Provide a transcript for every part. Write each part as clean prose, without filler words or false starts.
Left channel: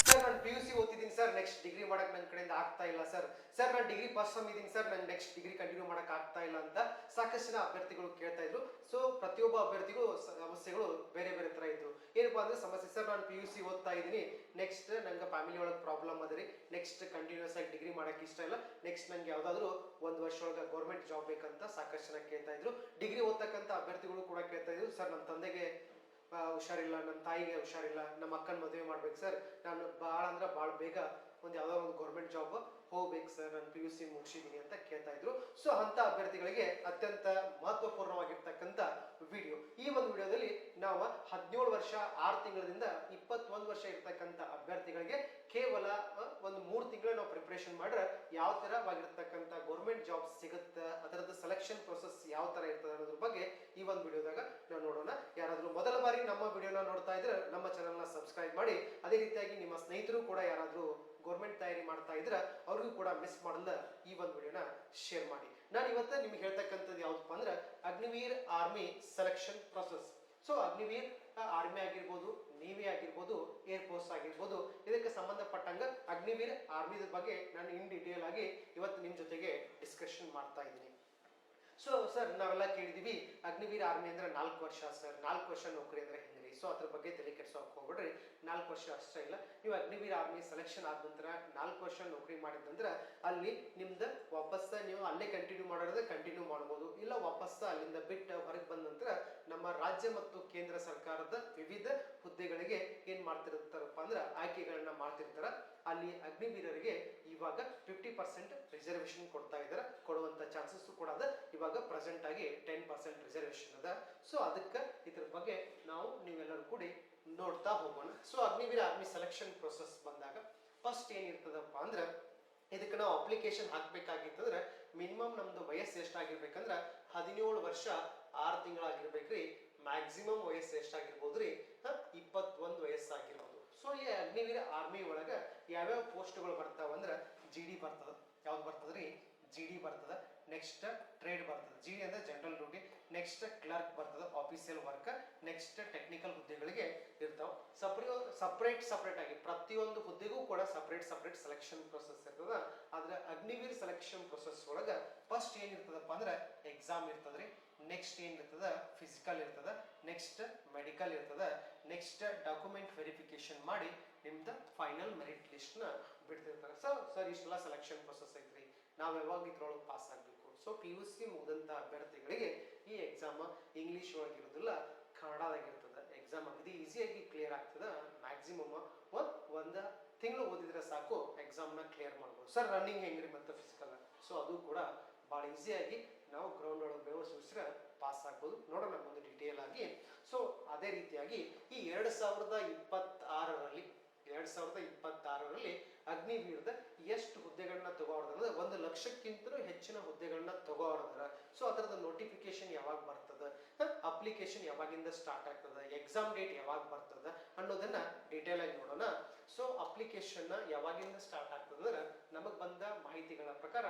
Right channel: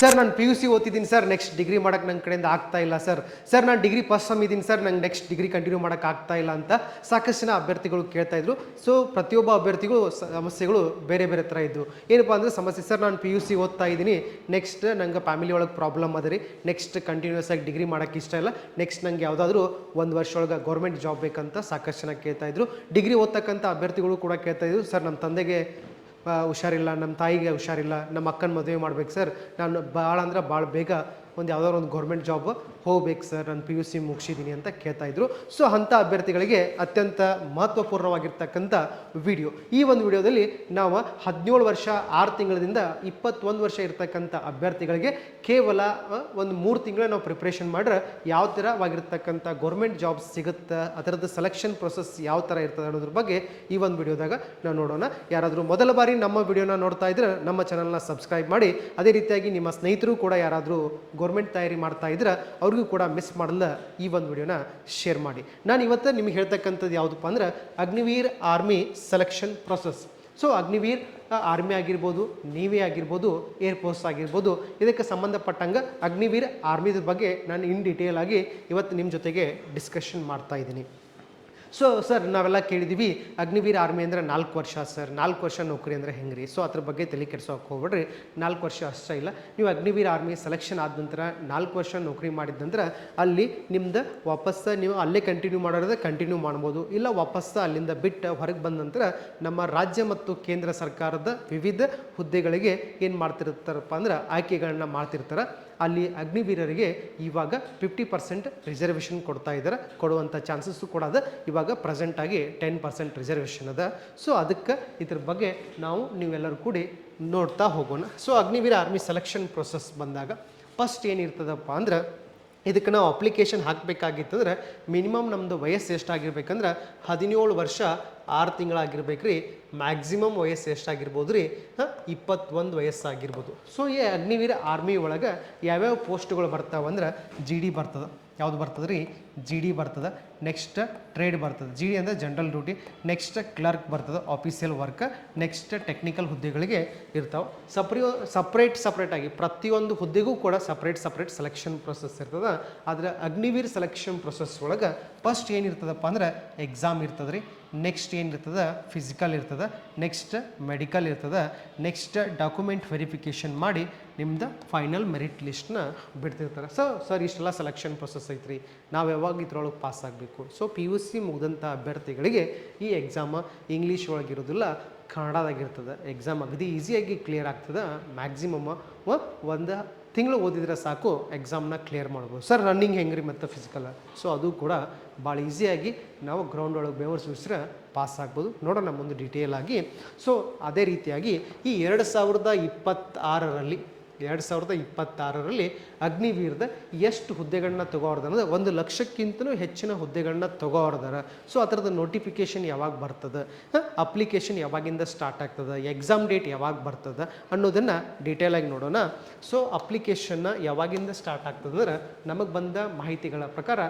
Sir ನಾನು P U C ಓದ್ತಿದ್ದೀನಿ sir, next degree ಮಾಡೋಕ್ಕೆ ನನ್ನ ಕಡೆಯಿಂದ ಆಗ್ತಾ ಇಲ್ಲ ಸರ್ ನಾನು ಡಿಗ್ರಿ ಫಸ್ಟ್ ಸಮ್ ಇದ್ದೀನಿ ಸರ್, ನಂಗೆ ನೆಕ್ಸ್ಟ್ ಡಿಗ್ರಿ ಕಂಟಿನ್ಯೂ ಮಾಡೋಕ್ಕೆ ಆಗ್ತಾ ಇಲ್ಲ ಅಂತ ಸಾಕಷ್ಟು ಜನ ಅಭ್ಯರ್ಥಿಗಳು ಕೇಳ್ತಾ ಇದ್ರು. ಸೊ ಪ್ರತಿಯೊಬ್ಬ ಅಭ್ಯರ್ಥಿಗೂ ಸಮಸ್ಯೆಗಳು ಬೇರೆ ಬೇರೆ ಥರ ಇದ್ದು. ಏನಪ್ಪ ಅಂದರೆ ಸಮಸ್ಯೆ, ಸರ್ ನಾನು ಪಿ ಯು ಸಿ ಓದ್ತಾ ಇದ್ದೀನಿ, ನೆಕ್ಸ್ಟ್ ನಂಗೆ ಫ್ಯಾಮಿಲಿ ಒಳಗೆ ಪ್ರಾಬ್ಲಮ್ ಅದ ರೀ, ನೆಕ್ಸ್ಟ್ ಕಂಟಿನ್ಯೂಸ್ ಆಗಿ ಡಿಗ್ರಿ ಮಾಡೋಕ್ಕೆ ಇಷ್ಟ ಇಲ್ಲ, ನೆಕ್ಸ್ಟ್ ನಂಗೆ ಯಾವುದಾದ್ರೂ ಒಂದು ವರ್ಷ ಒಳಗೆ ಗೌರ್ಮೆಂಟ್ ಜಾಬ್ ಬೇಕಂತ ಸಾಕಷ್ಟು ಜನ ಕೇಳ್ತಾ ಇದ್ರು. ಡಿಗ್ರಿ ಓದ್ತಕ್ಕಂಥ ಅಭ್ಯರ್ಥಿಗಳು ಕೂಡ ಕೇಳ್ತಾ ಇದ್ರು, ಸರ್ ನಮ್ಮ ತಂದೆಗೆ ಹುಷಾರಿಲ್ಲ, ನಮ್ಮ ತಾಯಿಗೆ ಹುಷಾರಿಲ್ಲ, ನಮ್ಮ ಅಕ್ಕನ ಮದುವೆ ಮಾಡ್ಬೇಕು ಸರ್, ನಾನು ಭಾಳ ಅಂದ್ರೆ ಭಾಳ ಬೇಗ ಒಂದು ಯಾವುದಾದ್ರು ಒಂದು ಗೌರ್ಮೆಂಟ್ ಜಾಬ್ ಹೋಗ್ಬೇಕು ಸರ್, ನಾನು ಪಿ ಯು ಸಿ ಮುಗಿಸಿದ್ದೀನಿ ಅಂತ ಕೇಳ್ತಾ ಇದ್ರು. ಸೊ ಅಂಥ ಅಭ್ಯರ್ಥಿಗಳಿಗೆ ಅತ್ಯಂತ ಮಹತ್ವಪೂರ್ಣವಾಗಿರ್ತಕ್ಕಂಥ ವಿಡಿಯೋ. ಈ ಒಂದು ವಿಡಿಯೋದಲ್ಲಿ ನಾವು 17 ವರ್ಷ 6 ತಿಂಗಳಿಂದ 21 ವರ್ಷ ಇರ್ತಕ್ಕಂಥ ಅಭ್ಯರ್ಥಿಗಳಿಗೆ ಕೇವಲ ಒಂದು 3 ತಿಂಗಳ ನಾವು ಪ್ರಿಪ್ರೇಷನ್ ಮಾಡ್ರೆ ಯಾವ ಥರವಾಗಿರ್ತಕ್ಕಂಥ ಗೌರ್ಮೆಂಟ್ ಜಾಬ್ ಸಿಗುತ್ತೆ, ಅದರದ್ದು ಸೆಲೆಕ್ಷನ್ ಪ್ರೊಸೆಸ್ ಯಾವ ಥರ ಇರ್ತದೆ ಅನ್ನೋದ್ರ ಬಗ್ಗೆ ಈ ಒಂದು ವಿಡಿಯೋದಾಗ ನಾವು ನೋಡೋಣ. ಯಾರಾದರೂ ಮೊದಲ ಬಾರಿ ನಮ್ಮ ವಿಡಿಯೋನ ನೋಡ್ತಾ ಇದ್ರೆ ನಮ್ಮ ಚಾನಲ್ನ ಸಬ್ಸ್ಕ್ರೈಬ್ ಮಾಡಿ, ಅದೇ ರೀತಿಯಾಗಿ ನಿಮ್ಮ ಸ್ನೇಹಿತರು ಕೂಡ ಯಾರಾದರೂ ಗೌರ್ಮೆಂಟ್ ತಯಾರಿ ಮಾಡ್ತಾ ಇದ್ರೆ ಅವ್ರಿಗೂ ಕೂಡ ಮಿಸ್ ಮಾಡಲ್ಲ ಈ ಒಂದು ವಿಡಿಯೋನ ಶೇರ್ ಮಾಡಿ. ನಾನು ಇವತ್ತು ನಿಮಗೆ ಹೇಳ್ತಕ್ಕಂಥದ್ದು ಯಾವುದಪ್ಪ ಅಂದ್ರೆ Agniveer army selection process. So Agniveer army ಆಗಿರ್ಬೋದು, ನೇವಿ ಆಗಿರ್ಬೋದು, ಏರ್ಫೋರ್ಸ್ ಆಗಿರ್ಬೋದು, ಇದಕ್ಕೆ ಸಂಬಂಧಪಟ್ಟಂಗೆ ಅಗ್ನಿವೀರ್ ಆರ್ಮಿದ ಬಗ್ಗೆ ನಾನು ಇನ್ ಡೀಟೇಲ್ ಆಗಿ ಇವತ್ತು ನಿಮ್ಮ ಜೊತೆಗೆ ಡಿಸ್ಕಷನ್ ಮಾಡ್ತಾ ಇದ್ದೀನಿ. ಸೊ ಸರ್ ನಾವೆಲ್ಲ ಕೇಳಿದ್ದೀವಿ ಅಗ್ನಿವೀರ್ ಆರ್ಮಿ ಅಂದರೆ 4 ವರ್ಷ ಸರ್, 4 ವರ್ಷ ನೌಕರಿ ಅಂದರೆ ಹೆಂಗೆ ರೀ? ಸೊ ಅದ್ರ ಬಗ್ಗೆ ತಲೆ ಕೆಡ್ಸೋಕೆ ಹೋಗ್ಬೇಡ್ರಿ. 4 ವರ್ಷ ಅಷ್ಟೇ ಇಲ್ಲ, ನೀವು ಅಗ್ನಿವೀರ್ ಆರ್ಮಿ ಸೆಲೆಕ್ಷನ್ ಆದ ನಂತರ 4 ವರ್ಷ ನೌಕರಿ ಮಾಡಿದ ನಂತರ ಅಲ್ಲಿ ನಿಮ್ದು ವಾಪಸ್ಸು ನೀವು ಅಲ್ಲೇ ಕಂಟಿನ್ಯೂ ಮಾಡೋದ್ರೆ ಕಂಟಿನ್ಯೂ ಮಾಡ್ಬೋದು, ಇಲ್ಲ ವಾಪಸ್ಸು ಅಲ್ಲಿಂದ ಬಿಟ್ಟು ಹೊರಗೆ ಬಂದ ನಂತರ ನಮ್ಮ ರಾಜ್ಯ ಮತ್ತು ಕೇಂದ್ರ ಸರ್ಕಾರದ ವಿವಿಧ ಹುದ್ದೆಗಳಿಗೆ ಏನು ಮಾಡ್ತಿರ್ತಾರಪ್ಪ ಅಂದ್ರೆ ಆಯ್ಕೆಗಳನ್ನ ಮಾಡ್ತಿರ್ತಾರೆ. ಅಲ್ಲಿ ಅಗ್ನಿವೀರರಿಗೆ ಇವಾಗ 50% ರಿಸರ್ವೇಷನ್ ಕೊಡ್ತಾ ಇದ್ದಾರೆ, ಕೊಡುವಂಥ ಚಾನ್ಸಸ್ಸು ಕೂಡ ಅದ. ಇವಾಗ ಪ್ರೆಸೆಂಟಾಗಿ 10% ರಿಸರ್ವೇಷನ್ ಅದ. ಸೊ ಅದಕ್ಕೆ ಇದ್ರ ಬಗ್ಗೆ ನಾವು ನೀವೆಲ್ಲರೂ ಕೂಡಿ ನೋಡ್ತಾ ಹೋಗೋಣ. So Agniveer army selection process ಬಂದಾಗ ಫಸ್ಟ್ ಏನಿರ್ತದಪ್ಪ ಅಂದ್ರೆ ಇದಕ್ಕೆ ನಾವು ಅಪ್ಲಿಕೇಶನ್ ಹಾಕಬೇಕಾಗಿತ್ತಂದ್ರೆ ಮಿನಿಮಮ್ ನಮ್ಮದು ವಯಸ್ಸು ಎಷ್ಟಾಗಿರ್ಬೇಕಂದ್ರೆ 17 ವರ್ಷ 6 ತಿಂಗಳಾಗಿರ್ಬೇಕು ರೀ. ಮ್ಯಾಕ್ಸಿಮಮ್ ವಯಸ್ಸು ಎಷ್ಟಾಗಿರ್ಬೋದು ರೀ? 21 ವಯಸ್ಸಾಗಿರ್ಬೋದು. ಸೊ ಈ ಅಗ್ನಿವೀರ ಆರ್ಮಿ ಒಳಗೆ ಯಾವ್ಯಾವ ಪೋಸ್ಟ್ಗಳು ಬರ್ತಾವಂದ್ರೆ ಜಿ ಡಿ ಬರ್ತದೆ. ಯಾವ್ದು ಬರ್ತದೆ ರೀ? ಜಿ ಡಿ ಬರ್ತದೆ. ನೆಕ್ಸ್ಟ್ ಟ್ರೇಡ್ ಬರ್ತದೆ. ಜಿ ಡಿ ಅಂದರೆ ಜನರಲ್ ಡ್ಯೂಟಿ. ನೆಕ್ಸ್ಟ್ ಕ್ಲರ್ಕ್ ಬರ್ತದೆ, ಆಫೀಸಿಯಲ್ ವರ್ಕ್. ನೆಕ್ಸ್ಟ್ ಟೆಕ್ನಿಕಲ್ ಹುದ್ದೆಗಳಿಗೆ ಇರ್ತಾವೆ. ಸಪ್ರೇಟಾಗಿ ಪ್ರತಿಯೊಂದು ಹುದ್ದೆಗೂ ಕೂಡ ಸಪ್ರೇಟ್ ಸೆಲೆಕ್ಷನ್ ಪ್ರೊಸೆಸ್ ಇರ್ತದೆ. ಆದರೆ ಅಗ್ನಿವೀರ್ ಸೆಲೆಕ್ಷನ್ ಪ್ರೊಸೆಸ್ ಒಳಗೆ ಫಸ್ಟ್ ಏನಿರ್ತದಪ್ಪ ಅಂದ್ರೆ ಎಕ್ಸಾಮ್ ಇರ್ತದೆ ರೀ. ನೆಕ್ಸ್ಟ್ ಏನಿರ್ತದೆ? ಫಿಸಿಕಲ್ ಇರ್ತದೆ. ನೆಕ್ಸ್ಟ್ ಮೆಡಿಕಲ್ ಇರ್ತದೆ. ನೆಕ್ಸ್ಟ್ ಡಾಕ್ಯುಮೆಂಟ್ ವೆರಿಫಿಕೇಷನ್ ಮಾಡಿ ನಿಮ್ದು ಫೈನಲ್ ಮೆರಿಟ್ ಲಿಸ್ಟ್ನ ಬಿಡ್ತಿರ್ತಾರೆ. ಸರ್ ಇಷ್ಟೆಲ್ಲ ಸೆಲೆಕ್ಷನ್ ಪ್ರೊಸೆಸ್ ಐತ್ರಿ, ನಾವು ಯಾವಾಗ ಇದ್ರೊಳಗೆ ಪಾಸ್ ಆಗಬೇಕು? ಸೊ ಪಿ ಯು ಸಿ ಮುಗಿದಂಥ ಅಭ್ಯರ್ಥಿಗಳಿಗೆ ಈ ಎಕ್ಸಾಮ್ ಇಂಗ್ಲೀಷ್ ಒಳಗಿರೋದಿಲ್ಲ, ಕನ್ನಡದಾಗಿರ್ತದೆ. ಎಕ್ಸಾಮ್ ಅಗದಿ ಈಸಿಯಾಗಿ ಕ್ಲಿಯರ್ ಆಗ್ತದೆ. ಮ್ಯಾಕ್ಸಿಮಮ್ ಒಂದು ತಿಂಗಳು ಓದಿದ್ರೆ ಸಾಕು ಎಕ್ಸಾಮ್ನ ಕ್ಲಿಯರ್ ಮಾಡ್ಬೋದು. ಸರ್ ರನ್ನಿಂಗ್ ಹೆಂಗೆ ರೀ ಮತ್ತು ಫಿಸಿಕಲ್? ಸೊ ಅದು ಕೂಡ ಭಾಳ ಈಸಿಯಾಗಿ ನಾವು ಗ್ರೌಂಡ್ ಒಳಗೆ ಬೆವರು ಸುರಿಸಿದ್ರೆ ಪಾಸ್ ಆಗ್ಬೋದು. ನೋಡೋಣ ಮುಂದೆ ಡೀಟೇಲ್ ಆಗಿ. ಸೊ ಅದೇ ರೀತಿಯಾಗಿ ಈ 2026ರಲ್ಲಿ ಅಗ್ನಿವೀರದ ಎಷ್ಟು ಹುದ್ದೆಗಳನ್ನ ತಗೋರ್ದ ಅಂದರೆ 1 ಲಕ್ಷಕ್ಕಿಂತಲೂ ಹೆಚ್ಚಿನ ಹುದ್ದೆಗಳನ್ನ ತಗೋರ್ದಾರ. ಸೊ ಅದರದ್ದು ನೋಟಿಫಿಕೇಷನ್ ಯಾವಾಗ ಬರ್ತದೆ, ಅಪ್ಲಿಕೇಶನ್ ಯಾವಾಗಿಂದ ಸ್ಟಾರ್ಟ್ ಆಗ್ತದೆ, ಎಕ್ಸಾಮ್ ಡೇಟ್ ಯಾವಾಗ ಬರ್ತದೆ ಅನ್ನೋದನ್ನು ಡೀಟೇಲಾಗಿ ನೋಡೋಣ. ಸೊ ಅಪ್ಲಿಕೇಶನ್ನ ಯಾವಾಗಿಂದ ಸ್ಟಾರ್ಟ್ ಆಗ್ತದೆ ಅಂದ್ರೆ ನಮಗೆ ಬಂದ ಮಾಹಿತಿಗಳ ಪ್ರಕಾರ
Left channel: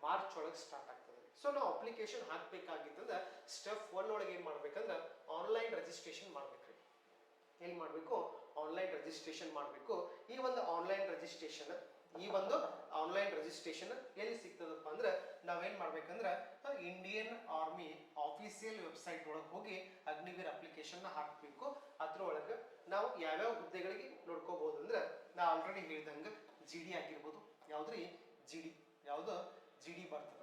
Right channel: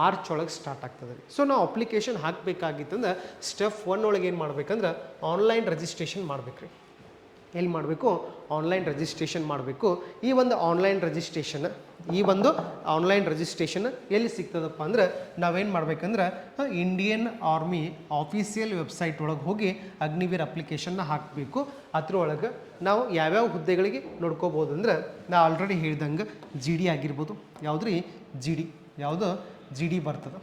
ಮಾರ್ಚ್ ಒಳಗೆ ಸ್ಟಾರ್ಟ್ ಆಗ್ತದೆ. ಸೊ ನಾವು ಅಪ್ಲಿಕೇಶನ್ ಹಾಕಬೇಕಾಗಿತ್ತಂದ್ರೆ ಸ್ಟೆಪ್ 1 ಒಳಗೆ ಏನು ಮಾಡ್ಬೇಕಂದ್ರೆ ಆನ್ಲೈನ್ ರಿಜಿಸ್ಟ್ರೇಷನ್ ಮಾಡ್ಬೇಕು ರೀ. ಎಲ್ಲಿ ಮಾಡಬೇಕು? ಆನ್ಲೈನ್ ರಿಜಿಸ್ಟ್ರೇಷನ್ ಮಾಡಬೇಕು. ಈ ಒಂದು ಆನ್ಲೈನ್ ರಿಜಿಸ್ಟ್ರೇಷನ್ ಎಲ್ಲಿ ಸಿಗ್ತದಪ್ಪ ಅಂದ್ರೆ ನಾವೇನು ಮಾಡ್ಬೇಕಂದ್ರೆ ಇಂಡಿಯನ್ ಆರ್ಮಿ ಆಫೀಸಿಯಲ್ ವೆಬ್ಸೈಟ್ ಒಳಗೆ ಹೋಗಿ ಅಗ್ನಿವೀರ್ ಅಪ್ಲಿಕೇಶನ್ನ ಹಾಕಬೇಕು. ಅದ್ರೊಳಗೆ ನಾವು ಯಾವ್ಯಾವ ಹುದ್ದೆಗಳಿಗೆ ನೋಡ್ಕೋಬೋದು ಅಂದ್ರೆ ನಾ ಆಲ್ರೆಡಿ ಹೇಳ್ದಂಗೆ ಜಿ ಡಿ ಆಗಿರ್ಬೋದು. ಯಾವುದ್ರಿ? ಜಿ ಡಿ ಬರ್ತದೆ.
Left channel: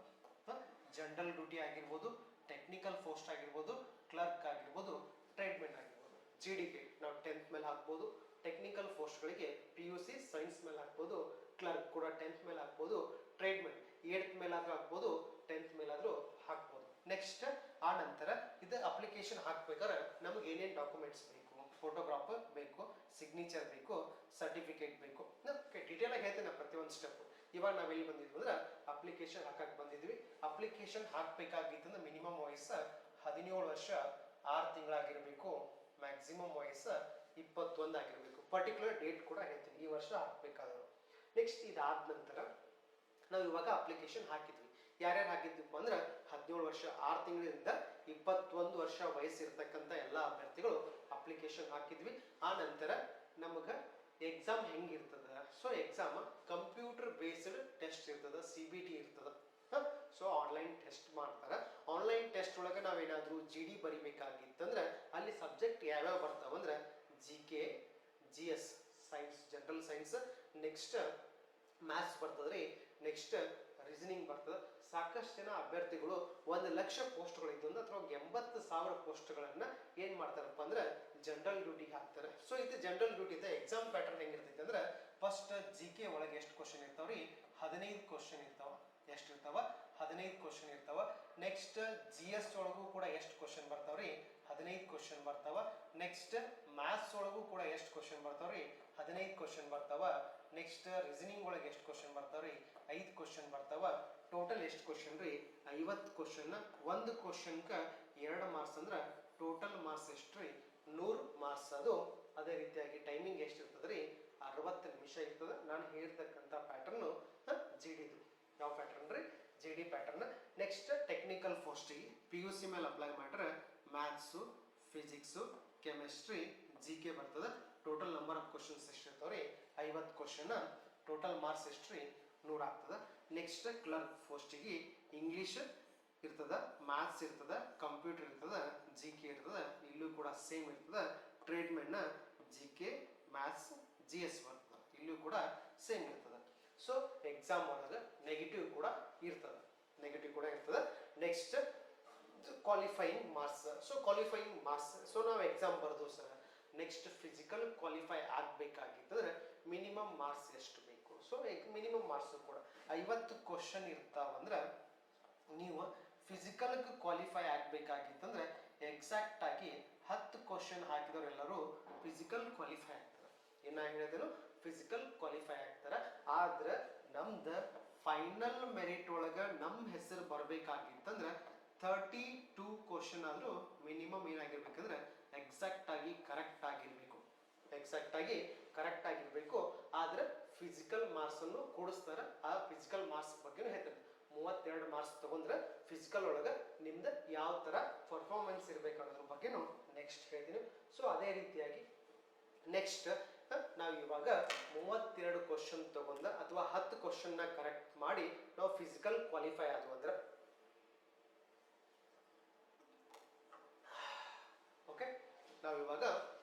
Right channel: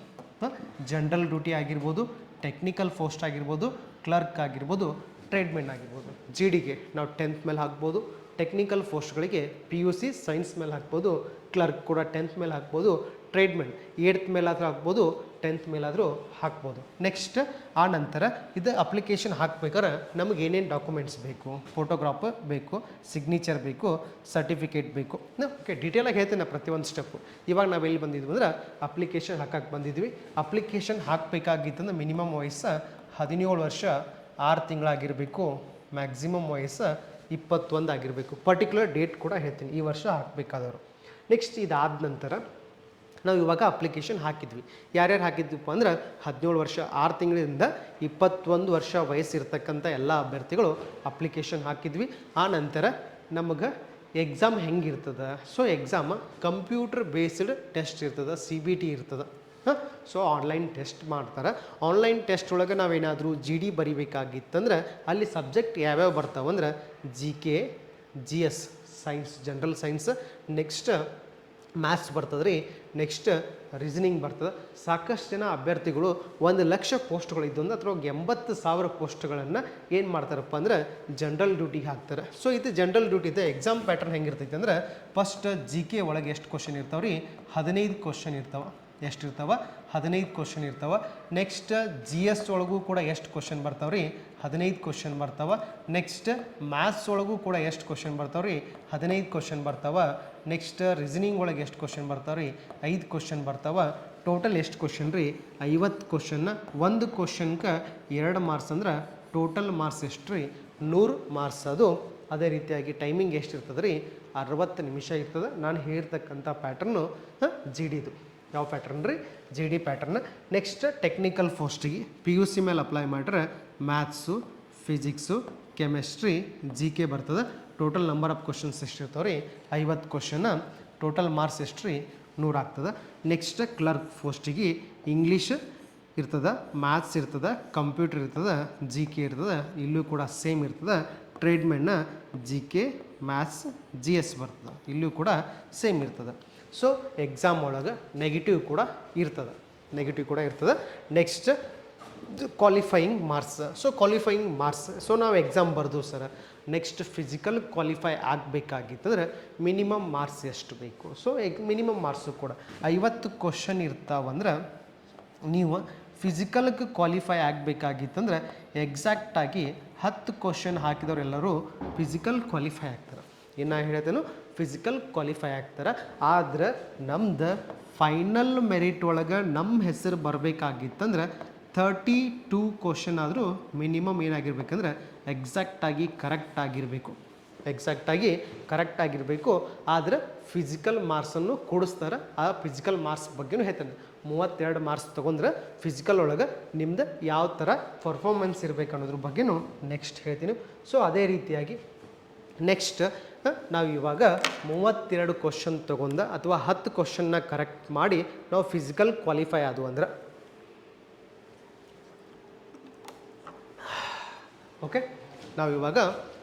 ಜನರಲ್ ಡ್ಯೂಟಿ ಆಗಿರ್ಬೋದು, ಟೆಕ್ನಿಕಲ್ ಪೋಸ್ಟ್ ಆಗಿರ್ಬೋದು, ಕ್ಲರ್ಕ್ ಆಗಿರ್ಬೋದು, ಟ್ರೇಡ್ಮೆನ್ ಆಗಿರ್ಬೋದು. ಜಿ ಡಿಗೆ ನಾವು 10th ಮೇಲೆ ಹಾಕ್ಬೋದು. ಟೆಕ್ನಿಕಲ್ ಪೋಸ್ಟ್ಗಳಿಗೆ ಪಿ ಯು ಸಿ ಸೈನ್ಸ್ ಮೇಲೆ ಹಾಕ್ಬೋದು. ಕ್ಲರ್ಕ್ ಕೂಡ 10th ಮೇಲೆ ಹಾಕ್ಬೋದು. ಟ್ರೇಡ್ಮೆನ್ 8th ಮೇಲಾದರೂ ಹಾಕ್ಬೋದು, 10th ಮೇಲಾದರೂ ಹಾಕ್ಬೋದು. ನೆಕ್ಸ್ಟ್ ಆ ನಂತರ ಇದು ಅಪ್ಲಿಕೇಶನ್ ಹಾಕ್ಬೇಕಾದ್ರೆ ನಮಗೆ ಏನೇನು ಡಾಕ್ಯುಮೆಂಟ್ಸ್ ಬೇಕು? ಫೋಟೋಗ್ರಾಫ್ ಬೇಕು, ಸಿಗ್ನೇಚರ್ ಬೇಕು, ಸರ್ಟಿಫಿಕೇಟ್ ಬೇಕು. ಓಕೆ, ಡೀಟೇಲಾಗಿ ಹೇಳ್ತೇನೆ ಪ್ರತಿಯೊಂದು ಸ್ಟೆಪ್ಪು. ಇವಾಗ ನಾವು ಎಲ್ಲಿ ಬಂದಿದ್ವಿ ಅಂದ್ರೆ ಅಪ್ಲಿಕೇಶನ್ ಹಾಕಕ್ಕೆ ಬಂದಿದ್ವಿ. ಅಪ್ಲಿಕೇಶನ್ ಹಾಕಬೇಕಾಗಿತ್ತಂದ್ರೆ ಮಿನಿಮಮ್ ವಯಸ್ಸು 17 ವರ್ಷ 6 ತಿಂಗಳಾಗಿರಬೇಕು. ಮ್ಯಾಕ್ಸಿಮಮ್ ವಯಸ್ಸು 21 ಆಗಿರಬೇಕು. ಪರ್ಟಿಕ್ಯುಲರ್ ಡೇಟ್ ಕೂಡ ಹೇಳ್ತೀನಿ, ಈ ವರ್ಷ ಹಾಕಬೇಕಾದವರು. ನೆಕ್ಸ್ಟ್ ಇದಾದ ನಂತರ ನಾವು ಇವಾಗ ಅಪ್ಲಿಕೇಶನ್ ಹಾಕಿದ್ವಿ. ಯಾರ್ಯಾರು ಹಾಕಿದ್ವಿಪ್ಪ ಅಂದ್ರೆ 17 ವರ್ಷ 6 ತಿಂಗಳಿಂದ 21 ವರ್ಷ ವಯಸ್ಸಿರ್ತಕ್ಕಂಥ ಎಲ್ಲ ಅಭ್ಯರ್ಥಿಗಳು ಅಪ್ಲಿಕೇಶನ್ ಹಾಕಿದ್ವಿ. ಆ ನಂತರ ನಮಗೆ ಎಕ್ಸಾಮ್ ಹೆಂಗಿರ್ತದೆ? So exam computer based test ಇರ್ತದೆ, CBT ಇರ್ತದೆ. ಹಾಂ, ಸೊ ಆನ್ಲೈನ್ ಟೆಸ್ಟ್ ಮಾಡ್ತಾರೆ. ಆನ್ಲೈನ್ ಟೆಸ್ಟ್ ಒಳಗೆ ನಾವೇನಾದರೂ GD ಬರಿಬೇಕಾಗಿತ್ತಂದ್ರೆ ಅಲ್ಲಿ ಸಬ್ಜೆಕ್ಟ್ ಯಾವ್ಯಾವ ಬರ್ತಾವಂದ್ರೆ GK, GS science, general science, next maths ಬರ್ತದೆ ರೀ, ನೆಕ್ಸ್ಟ್ ರೀಸನಿಂಗ್ ಬರ್ತದೆ. ಸಾಕಷ್ಟು ಜನ ಅಭ್ಯರ್ಥಿಗಳು 1,00,000 ಪೋಸ್ಟ್ಗಳಿದ್ದು ಅಂದ್ರೆ ಅಥವಾ 80,000 ಪೋಸ್ಟ್ಗಳನ್ನು ಏನು ಮಾಡ್ತಾರಪ್ಪ ಅಂದ್ರೆ ಜನರಲ್ ಡ್ಯೂಟಿಗೆ ಹಾಕ್ತಾರೆ. ಸೊ ಇದು ಜನರಲ್ ಡ್ಯೂಟಿದು ಎಕ್ಸಾಮ್ ಪ್ಯಾಟರ್ನ್ ಹೆಂಗಿರ್ತೈತೆ ಅಂದ್ರೆ ಫಸ್ಟ್ GK ಒಳಗೆ ಎಷ್ಟು ಕ್ವಶನ್ ಇರ್ತಾವೆ ರೀ? 15 ಕ್ವಶನ್ ಇರ್ತಾವೆ. ಎಷ್ಟಿರ್ತಾವೆ? 15 ಕ್ವಶನ್ ಇರ್ತಾವೆ. ನೆಕ್ಸ್ಟ್ GS ಒಳಗೂ ಕೂಡ ಎಷ್ಟು ಕ್ವಶನ್ ಬರ್ತಾವೆ ರೀ? 15 ಕ್ವಶನ್ ಬರ್ತಾವೆ. ನೆಕ್ಸ್ಟ್ ಮ್ಯಾಥ್ಸ್ ಒಳಗೂ ಕೂಡ ಎಷ್ಟು ಕ್ವಶನ್ ಬರ್ತಾವೆ ರೀ? 15 ಕ್ವಶನ್ ಬರ್ತಾವೆ. ನೆಕ್ಸ್ಟ್ ರೀಸನಿಂಗ್ ಒಳಗೆ ಎಷ್ಟು ಕ್ವಶನ್ ಬರ್ತಾವೆ ರೀ? 5 ಕ್ವಶನ್ ಬರ್ತಾವೆ. ಟೋಟಲ್ ಎಷ್ಟು ಕ್ವಶನ್ ರೀ? 50 ಕ್ವಶನ್ನ. ಒಂದು ಕ್ವಶನ್ಗೆ 2 ಮಾರ್ಕ್ಸ್ ಅಂದ್ರೆ ಟೋಟಲ್ ಮಾರ್ಕ್ಸ್ ಎಷ್ಟು ರೀ? 100 ಮಾರ್ಕ್ಸ್. ಅದು ಅದೇ ರೀತಿಯಾಗಿ ಟೈಮಿಂಗ್ ಎಷ್ಟು ಇರ್ತದೆ ರೀ? 60 ನಿಮಿಷ ಇರ್ತದೆ. ನಾನು ಹೇಳ್ತಕ್ಕಂಥ ಪ್ಯಾಟರ್ನು GDದು. ಯಾವ ಪ್ಯಾಟರ್ನ್ ರೀ? GD pattern. ನೆಕ್ಸ್ಟ್ ಟೆಕ್ನಿಕಲ್ ಪೋಸ್ಟಿಗೆ PUC ಮೇಲೆ ಅಪ್ಲೈ ಮಾಡಿದ್ರೆ ಮ್ಯಾಥ್ಸು, ಫಿಸಿಕ್ಸು, ಕೆಮಿಸ್ಟ್ರಿ, GK ಬರ್ತದೆ. ಟೋಟಲ್ ನಂಬರ್ ಆಫ್ ಕ್ವಶನ್ಸ್ ಎಷ್ಟು ಇರ್ತಾವೆ ರೀ? 50 ಕ್ವಶನ್. ಟೋಟಲ್ ಮಾರ್ಕ್ಸ್ ಎಷ್ಟು ರೀ? 100 ಆಗ್ತದೆ. ನೆಕ್ಸ್ಟ್ ಕ್ಲರ್ಕ್ ಪೋಸ್ಟಿಗೆ ಇಂಗ್ಲೀಷ್ ಇರ್ತದೆ, ಮ್ಯಾಥ್ಸ್ ಇರ್ತದೆ, ಕಂಪ್ಯೂಟರ್ ಇರ್ತದೆ, GK ಇರ್ತದೆ. ಇಲ್ಲೂ ಕೂಡ ಸೇಮ್ ಇರ್ತದೆ. ಟ್ರೇಡ್ಮೆನ್ನ GK, ಮ್ಯಾಥ್ಸ್, GS ಬರ್ತದೆ. ಇಲ್ಲೂ ಕೂಡ ಸೇಮ್ ಇರ್ತದೆ. ಸೊ ಎಕ್ಸಾಮ್ ಒಳಗೆ ನೆಗೆಟಿವ್ ಕೂಡ ಇರ್ತದೆ. Next qualifying marks. So qualifying marks, so ನಾವು ಎಕ್ಸಾಮ್ ಬರ್ದು ಸರ್, ನೆಕ್ಸ್ಟ್ ಫಿಸಿಕಲ್ ಕ್ವಾಲಿಫೈ ಆಗಬೇಕಾಗಿತ್ತಂದ್ರೆ ಮಿನಿಮಮ್ ಮಾರ್ಕ್ಸ್ ಎಷ್ಟು ಬೇಕು? ಸೊ ಮಿನಿಮಮ್ ಮಾರ್ಕ್ಸು ಕೂಡ 50 ಕ್ವಶನ್ ಇರ್ತಾವಂದ್ರೆ ನೀವು ಫಿಸಿಕಲ್ಗೆ ಕ್ವಾಲಿಫೈ ಆಗಬೇಕಾಗಿತ್ತಂದ್ರೆ ಎಕ್ಸಾಕ್ಟಾಗಿ 10 ಕ್ವಶನ್ ಹಾಕಿದವರೆಲ್ಲರೂ ಫಿಸಿಕಲ್ ಕ್ವಾಲಿಫೈ ಆಗ್ತಾರೆ. ಇನ್ನು ಹೇಳ್ತೇನೆ ಫಿಸಿಕಲ್ ಕ್ವಾಲಿಫೈ ಆಗ್ತಾರೆ. ಆದ್ರೆ ನಮ್ದು ಫೈನಲ್ ಮೆರಿಟ್ ಒಳಗೆ ನಮ್ಮ ಹೆಸರು ಬರಬೇಕಾಗಿತ್ತಂದ್ರೆ 32 ಕ್ವಶನ್ ಆದರೂ ಮಿನಿಮಮ್ ಏನಾಗಿರ್ಬೇಕಂದ್ರೆ ಎಕ್ಸಾಕ್ಟಾಗಿ ಕರೆಕ್ಟ್ ಆಗಿರಬೇಕು. ಆದರೆ ಫಿಸಿಕಲ್ ಮಾರ್ಕ್ಸನ್ನು ಕೊಡಿಸ್ತಾರೆ. ಆ ಫಿಸಿಕಲ್ ಮಾರ್ಕ್ಸ್ ಬಗ್ಗೆನೂ ಹೇಳ್ತಾನೆ. 32 ಮಾರ್ಕ್ಸ್ ತೊಗೊಂಡ್ರೆ ಫಿಸಿಕಲ್ ಒಳಗೆ ನಿಮ್ದು ಯಾವ ಥರ ಪರ್ಫಾರ್ಮೆನ್ಸ್ ಇರಬೇಕು ಅನ್ನೋದ್ರ ಬಗ್ಗೆನೂ ನೆಕ್ಸ್ಟ್ ಹೇಳ್ತೀನಿ. ಸೊ ಅದೇ ರೀತಿಯಾಗಿ ನೆಕ್ಸ್ಟ್ ನಾವು ಇವಾಗ 32 ಕ್ವಶನ್ ತೊಗೊಂಡ ಅಥವಾ 10 ಕ್ವಶನ್ನ ಕರೆಕ್ಟ್ ಮಾಡಿ ನಾವು ಫಿಸಿಕಲ್ ಕ್ವಾಲಿಫೈ ಆದವು ಅಂದ್ರೆ ಓಕೆ, ನಾವು ಇವಾಗ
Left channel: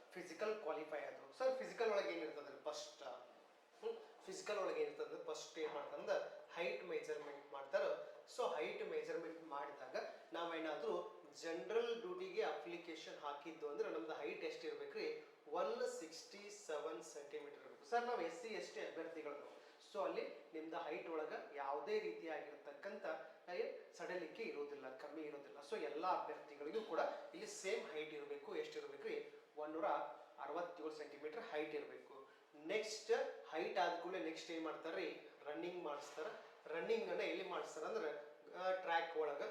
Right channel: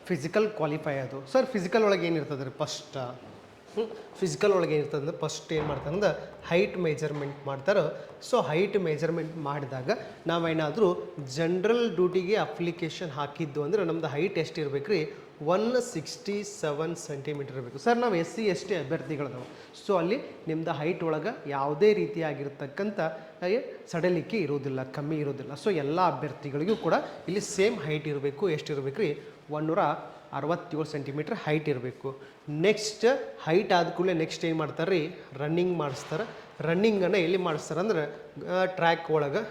ಫಿಸಿಕಲ್ ಕ್ವಾಲಿಫೈ ಆದವು. ಸರ್ ಫಿಸಿಕಲ್ ಒಳಗೆ ಏನಿರ್ತದೆ ರೀ? ಫಿಸಿಕಲ್ ಒಳಗೆ ಏನಿರ್ತದೆ ಅಂದ್ರೆ ಫಸ್ಟ್ ಏನು ಮಾಡ್ತಾರೆ ಅಂದ್ರೆ ಹೈಟ್ ಮೆಜರ್ಮೆಂಟ್ ಮಾಡ್ತಾರೆ. ಸೊ ಹೈಟ್ ಮೆಜರ್ಮೆಂಟ್ ಮಾಡಿದಾಗ ನಾವೇನಾದರೂ ಜನರಲ್ ಡ್ಯೂಟಿಗೆ ಅಪ್ಲಿಕೇಶನ್ ಹಾಕಿದ್ದು ಅಂದರೆ ನಮ್ಮದು ಹೈಟ್ ಎಷ್ಟು ಇರಬೇಕು ರೀ? 167 ಸೆಂಟಿಮೀಟರ್ ಇರಬೇಕು. ಸರ್ ನಾವು SC ST ಅಭ್ಯರ್ಥಿಗಳದಾವೆ. ಸೊ ಅಲ್ಲಿ ನಿಮ್ಮದು ಹೈಟ್ ಒಳಗೆ ಯಾವುದೇ ರೀತಿಯಾಗಿರ್ತಕ್ಕಂಥ ಸಡಲಿಕೆ ಇರೋದಿಲ್ಲ, ಕಮ್ಮಿ ಇರೋದಿಲ್ಲ. ಸೊ ಎಲ್ಲ ಅಭ್ಯರ್ಥಿಗಳಿಗೂ ಕೂಡ ಇಲ್ಲಿ ಸೇಮ್ ಹೈಟ್ ಇರಬೇಕು. ಎಷ್ಟಿರಬೇಕು ರೀ? 167 ಸೆಂಟಿಮೀಟ್ರ್ ಹೈಟ್ ಇರಬೇಕು. ನೆಕ್ಸ್ಟ್ ಹೈಟ್ ಆದ ಕೂಡಲೇ ನೆಕ್ಸ್ಟ್ ಏನು ಮಾಡ್ತಾರೆ ರೀ? ರನ್ನಿಂಗ್ ಮಾಡಿಸ್ತಾರೆ. ರನ್ನಿಂಗನ್ನು ಎಲ್ಲಿ ಮಾಡಿಸ್ತಾರೆ ಅಂದ್ರೆ ಟ್ರ್ಯಾಕ್ ಒಳಗೆ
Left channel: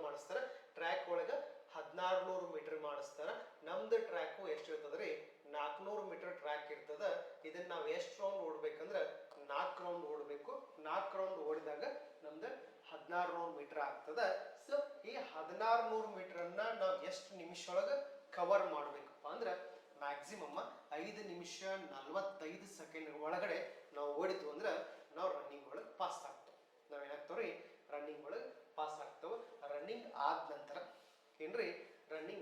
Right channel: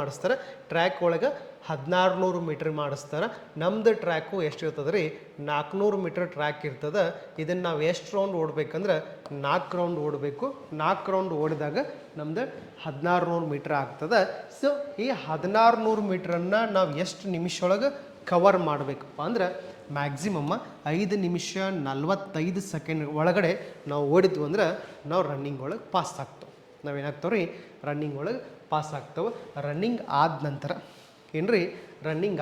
ಮಾಡಿಸ್ತಾರೆ. ಟ್ರ್ಯಾಕ್ ಒಳಗೆ 1600 ಮೀಟ್ರ್ ಮಾಡಿಸ್ತಾರೆ. ನಮ್ಮದು ಟ್ರ್ಯಾಕು ಎಷ್ಟು ಇರ್ತದೆ ರೀ? 400 ಮೀಟ್ರ್ ಟ್ರ್ಯಾಕ್ ಇರ್ತದೆ. ಇದನ್ನು ನಾವು ಎಷ್ಟು ರೌಂಡ್ ಓಡಬೇಕಂದ್ರೆ 4 ರೌಂಡ್ ಓಡಬೇಕು. 4 ರೌಂಡ್ ಓಡಿದಾಗ ನಮ್ದು 1600 ಮೀಟ್ರ್ ಆಗ್ತದೆ. ಸೊ ಈ 1600 ಮೀಟ್ರನ್ನು ನಾವು ಎಷ್ಟು ನಿಮಿಷ ಒಳಗೆ ಕವರ್ ಮಾಡಬೇಕಪ್ಪ ಅಂದ್ರೆ ಮ್ಯಾಕ್ಸಿಮಮ್ 5 ನಿಮಿಷ 45 ಸೆಕೆಂಡ್ ಒಳಗಡೆ ನಾವು ಓಡಿದ್ವು ಅಂದ್ರೆ ನಾವು ರನ್ನಿಂಗ್ ಒಳಗೆ ಪಾಸ್ ಆಗ್ತವೆ. ನಾವೇನಾಗ್ತವೆ ರೀ? ರನ್ನಿಂಗ್ ಒಳಗೆ ಪಾಸ್ ಆಗ್ತವೆ. ರನ್ನಿಂಗ್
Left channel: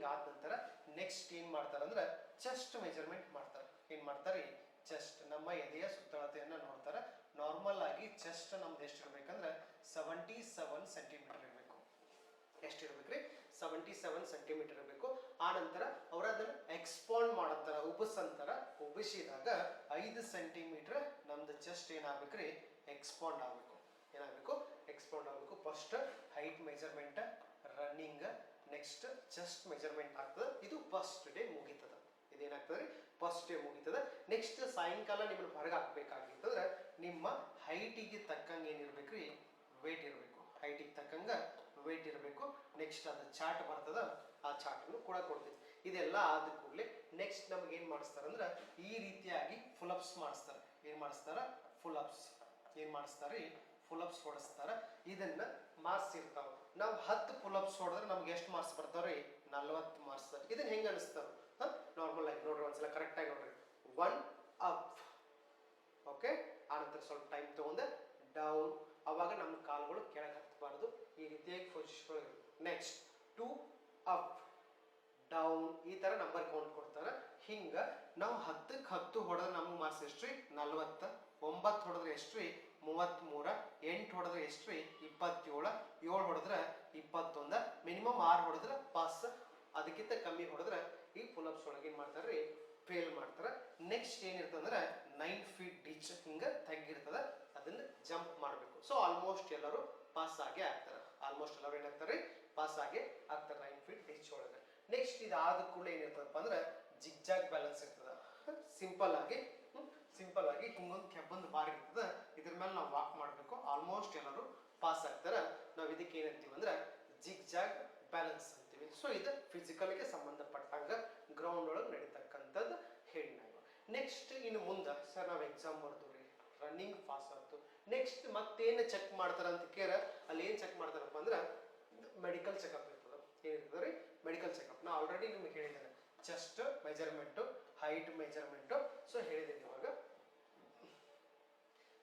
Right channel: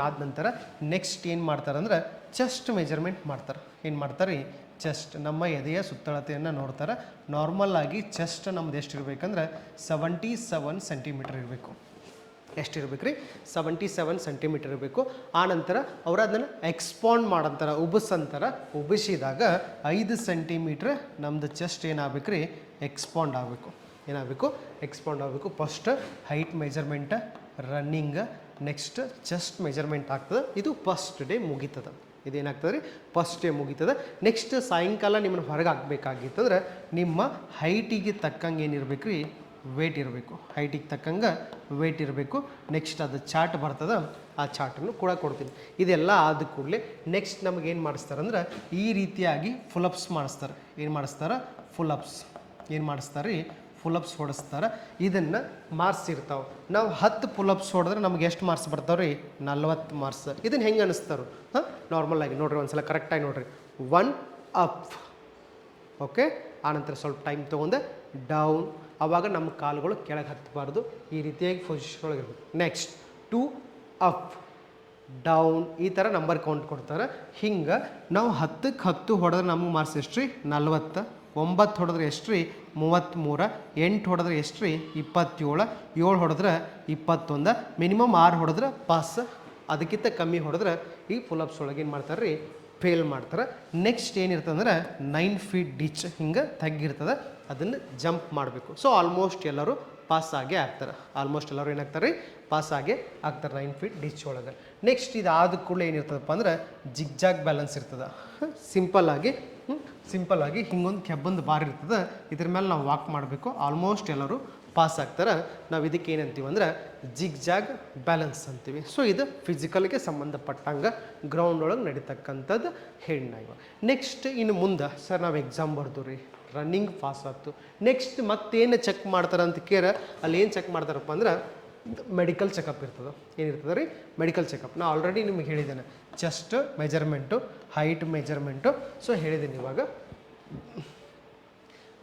ಆದ ನಂತರ ನೆಕ್ಸ್ಟ್ ಏನು ಮಾಡ್ತಾರೆ ಅಂದ್ರೆ ಚೆಸ್ಟ್ ಮೆಜರ್ಮೆಂಟ್ ಮಾಡ್ತಾರೆ. ಏನು ಮಾಡ್ತಾರೆ ರೀ? ಚೆಸ್ಟ್, ನಮ್ಮ ಎದೆಯ ಸುತ್ತಳತೆಯನ್ನು ನೋಡ್ತಾರೆ. ನಾರ್ಮಲ್ ಆಗಿ ಚೆಸ್ಟ್ ನಮ್ದು ಎಷ್ಟು ಇರಬೇಕಂದ್ರೆ 77 ಸೆಂಟಿಮೀಟರ್ ಇರಬೇಕು. ಎಷ್ಟಿರ್ಬೇಕು ರೀ? 77 ಸೆಂಟಿಮೀಟರ್ ಇರಬೇಕು. ಆನಂತರ ಅವರು ಅದನ್ನು ಎಕ್ಸ್ಪಾಂಡ್ ಮಾಡಂತಾರೆ, ಉಬ್ಬಿಸಂತಾರೆ. ಉಬ್ಬಿಸಿದಾಗ 5 ಸೆಂಟಿಮೀಟ್ರ್ ನಮ್ಮದು ಚೆಸ್ಟ್ ಏನಾಗಬೇಕು ರೀ? ಎಕ್ಸ್ಪಾಂಡ್ ಆಗಬೇಕು. ಎಕ್ಸ್ಪಾಂಡ್ ಆಗಬೇಕು. First height measurement, running, next chest measurement ಆಗ್ತದೆ. ಇದು ಫಸ್ಟ್ ಡೇ ಮುಗೀತದೆ. ಇದೇನಾಗ್ತದೆ ರೀ? First day ಮುಗೀತದೆ. ನೆಕ್ಸ್ಟ್ ಸಾಯಂಕಾಲ ನಿಮ್ಮನ್ನು ಹೊರಗೆ ಹಾಕಬೇಕಾಗಿತ್ತಂದ್ರೆ ನಿಮ್ಮ ಹೈಟಿಗೆ ತಕ್ಕಂಗೆ ಏನಿರ್ಬೇಕು ರೀ? ವೇಟ್ ಇರಬೇಕು. ಹೈಟಿಗೆ ತಕ್ಕಂಗೆ ವೇಟ್ ಇರಬೇಕು. ನೆಕ್ಸ್ಟ್ ಅದು ಚಾರ್ಟ್ ಬರ್ತದೆ, ಆ ಚಾರ್ಟನ್ನು ಕೂಡ ಕೊಡ್ತೀನಿ. ಇದೆಲ್ಲ ಆದ ಕೂಡಲೇ ನೆಕ್ಸ್ಟ್ ನಮಗೇನು ಮಾಡಿಸ್ತಾರೆ ಅಂದ್ರೆ ಈ ರೀತಿಯಾಗಿ ಫುಲಪ್ಸ್ ಮಾಡಿಸ್ತಾರೆ. ಏನು ಮಾಡಿಸ್ತಾರೆ? ಫುಲಪ್ಸ್ ಹೊಡಿಸ್ತಾರೆ. ಇದನ್ನು ಮಾರ್ಕ್ಸ್ ಇರ್ತಾವೆ. ನಾವು 10 ಪುಲಪ್ಸ್ ಹೊಡೆದ್ರೆ ನಮ್ಗೆ ಎಷ್ಟು ಮಾರ್ಕ್ಸ್ ಬರ್ತಾವೆ ರೀ? 40 ಮಾರ್ಕ್ಸ್. ಇದನ್ನು ಹೆಂಗೆ ಅನ್ನಿಸ್ತಾರೋ ನಾರ್ಮಲ್ ಆಗಿ ನೋಡ್ರಿ, ಒಂದ್ಸಲ ಕರೆಕ್ಟಾಗಿ ನೋಡ್ರಿ. 1 ಅಪ್. ಓಕೆ, ಆನಂತರ ಸ್ವಲ್ಪ ಟೈಮ್ ತೊಗೊಂಡು ಡೌನ್. ಆವಾಗ ನಮ್ಮ ಕಾಲುಗಳು ಕೆಳಗೆ ಹತ್ತಬಾರ್ದು, ಈ ರೀತಿಯಾಗಿ ಪೊಸಿಷನ್ ಒಳಗಿರ್ಬೇಕು. ನೆಕ್ಸ್ಟ್ 2 ಅಪ್ ಡೌನ್, ಈ ಥರ ನಂಬರ್ ಕೌಂಟ್ ಕೊಡ್ತಾರೆ. ಹಿಂಗೆ ನಾವು 10ಕ್ಕೆ 10 ಹೊಡೆದ್ರೆ ನಮಗೆ ಮಾರ್ಕ್ಸ್ ಎಷ್ಟು ರೀ 40, 9 ಹೊಡೆದ್ರೆ ಎಷ್ಟು ರೀ 33, 8 ಹೊಡೆದ್ರೆ ಎಷ್ಟು ರೀ 27, 7 ಹೊಡೆದ್ರೆ 21, ಮಿನಿಮಮ್ 6 ಹೊಡೆದ್ರೆ ಪಾಸ್, ಅದಕ್ಕಿಂತ ಕಮ್ಮಿ ಹೊಡೆದ್ರೆ ಈ ಪುಲಪ್ಸ್ ಒಳಗೆ ಏನು ಮಾಡ್ತಾರೆ ರೀ ಫೇಲ್ ಮಾಡ್ತಾರೆ. ನೆಕ್ಸ್ಟ್ ಏನಿರ್ತದೆ ಅಂದ್ರೆ 9 ಫೀಟ್ ಡಿಚ್ ಹಿಂಗೆ ತಗ್ಗಿರ್ತದೆ, ಅದನ್ನು ಜಂಪ್ ಮಾಡಬೇಕು. ಸೊ ಆಲ್ಮೋಸ್ಟ್ ಎಲ್ಲರೂ ಪಾಸ್ ಆಗೇ ಆಗ್ತಾರೆ, ಆಲ್ಮೋಸ್ಟ್ ಎಲ್ಲರೂ ಏನಾಗ್ತಾರೆ ರೀ ಪಾಸ್ ಆಗೇ ಆಗ್ತಾರೆ 9 ಫೀಟ್ ಡಿಚ್ ಒಳಗೆ. ನೆಕ್ಸ್ಟ್ ಇದಾದ ಕೂಡಲೇ ಏನಿರ್ತದಪ್ಪ ಅಂದ್ರೆ ಜಿಗ್ಜಾಗ್ ಬ್ಯಾಲೆನ್ಸ್ ಇರ್ತದೆ. ಸಿಂಪಲ್ ಆಗಿ ಹಿಂಗೊಂದು ಕೆಬ್ಬಂದು ಬಾರ್ ಇರ್ತದೆ, ಇದ್ರ ಮೇಲೆ ನಾವು ವಾಕ್ ಮಾಡಬೇಕು, ಆಲ್ಮೋಸ್ಟ್ ಎಲ್ಲರೂ ಪಾಸ್ ಆಗ್ತಾರೆ. ನಾವು ಇದಕ್ಕೆ ಏನಂತೀವಿ ಅಂದ್ರೆ ಜಿಗ್ಜಾಗ್ ಬ್ಯಾಲೆನ್ಸ್ ಅಂತೀವಿ. ಸೊ ಇದು ಫಿಸಿಕಲ್ಗೆ ಸಂಬಂಧಪಟ್ಟಂಗೆ ಗ್ರೌಂಡ್ ಒಳಗೆ ನಡೀತಕ್ಕಂಥದ್ದು ಹೇಳಿನ. ಇವಾಗ ನೆಕ್ಸ್ಟ್ ಇನ್ನು ಮುಂದೆ ಸರ್ ನಾವು ಎಕ್ಸಾಮ್ ಬರ್ದು ರೀ, ರನ್ನಿಂಗ್ ಪಾಸ್ ಆಯ್ತು, ನೆಕ್ಸ್ಟ್ ಮತ್ತೇನು ಚೆಕ್ ಮಾಡ್ತಾರೆ ಅಂತ ಕೇರ, ಅಲ್ಲಿ ಏನು ಚೆಕ್ ಮಾಡ್ತಾರಪ್ಪ ಅಂದ್ರೆ ಮೆಡಿಕಲ್ ಚೆಕಪ್ ಇರ್ತದೆ. ಏನಿರ್ತದೆ ರೀ ಮೆಡಿಕಲ್ ಚೆಕಪ್. ನಾನು ಆಲ್ರೆಡಿ ನಿಮಗೆ ಹೇಳಿದ್ದೇನೆ, chest measurement, height measurement, so ಹೇಳಿದ್ದೀನಿ ಇವಾಗ.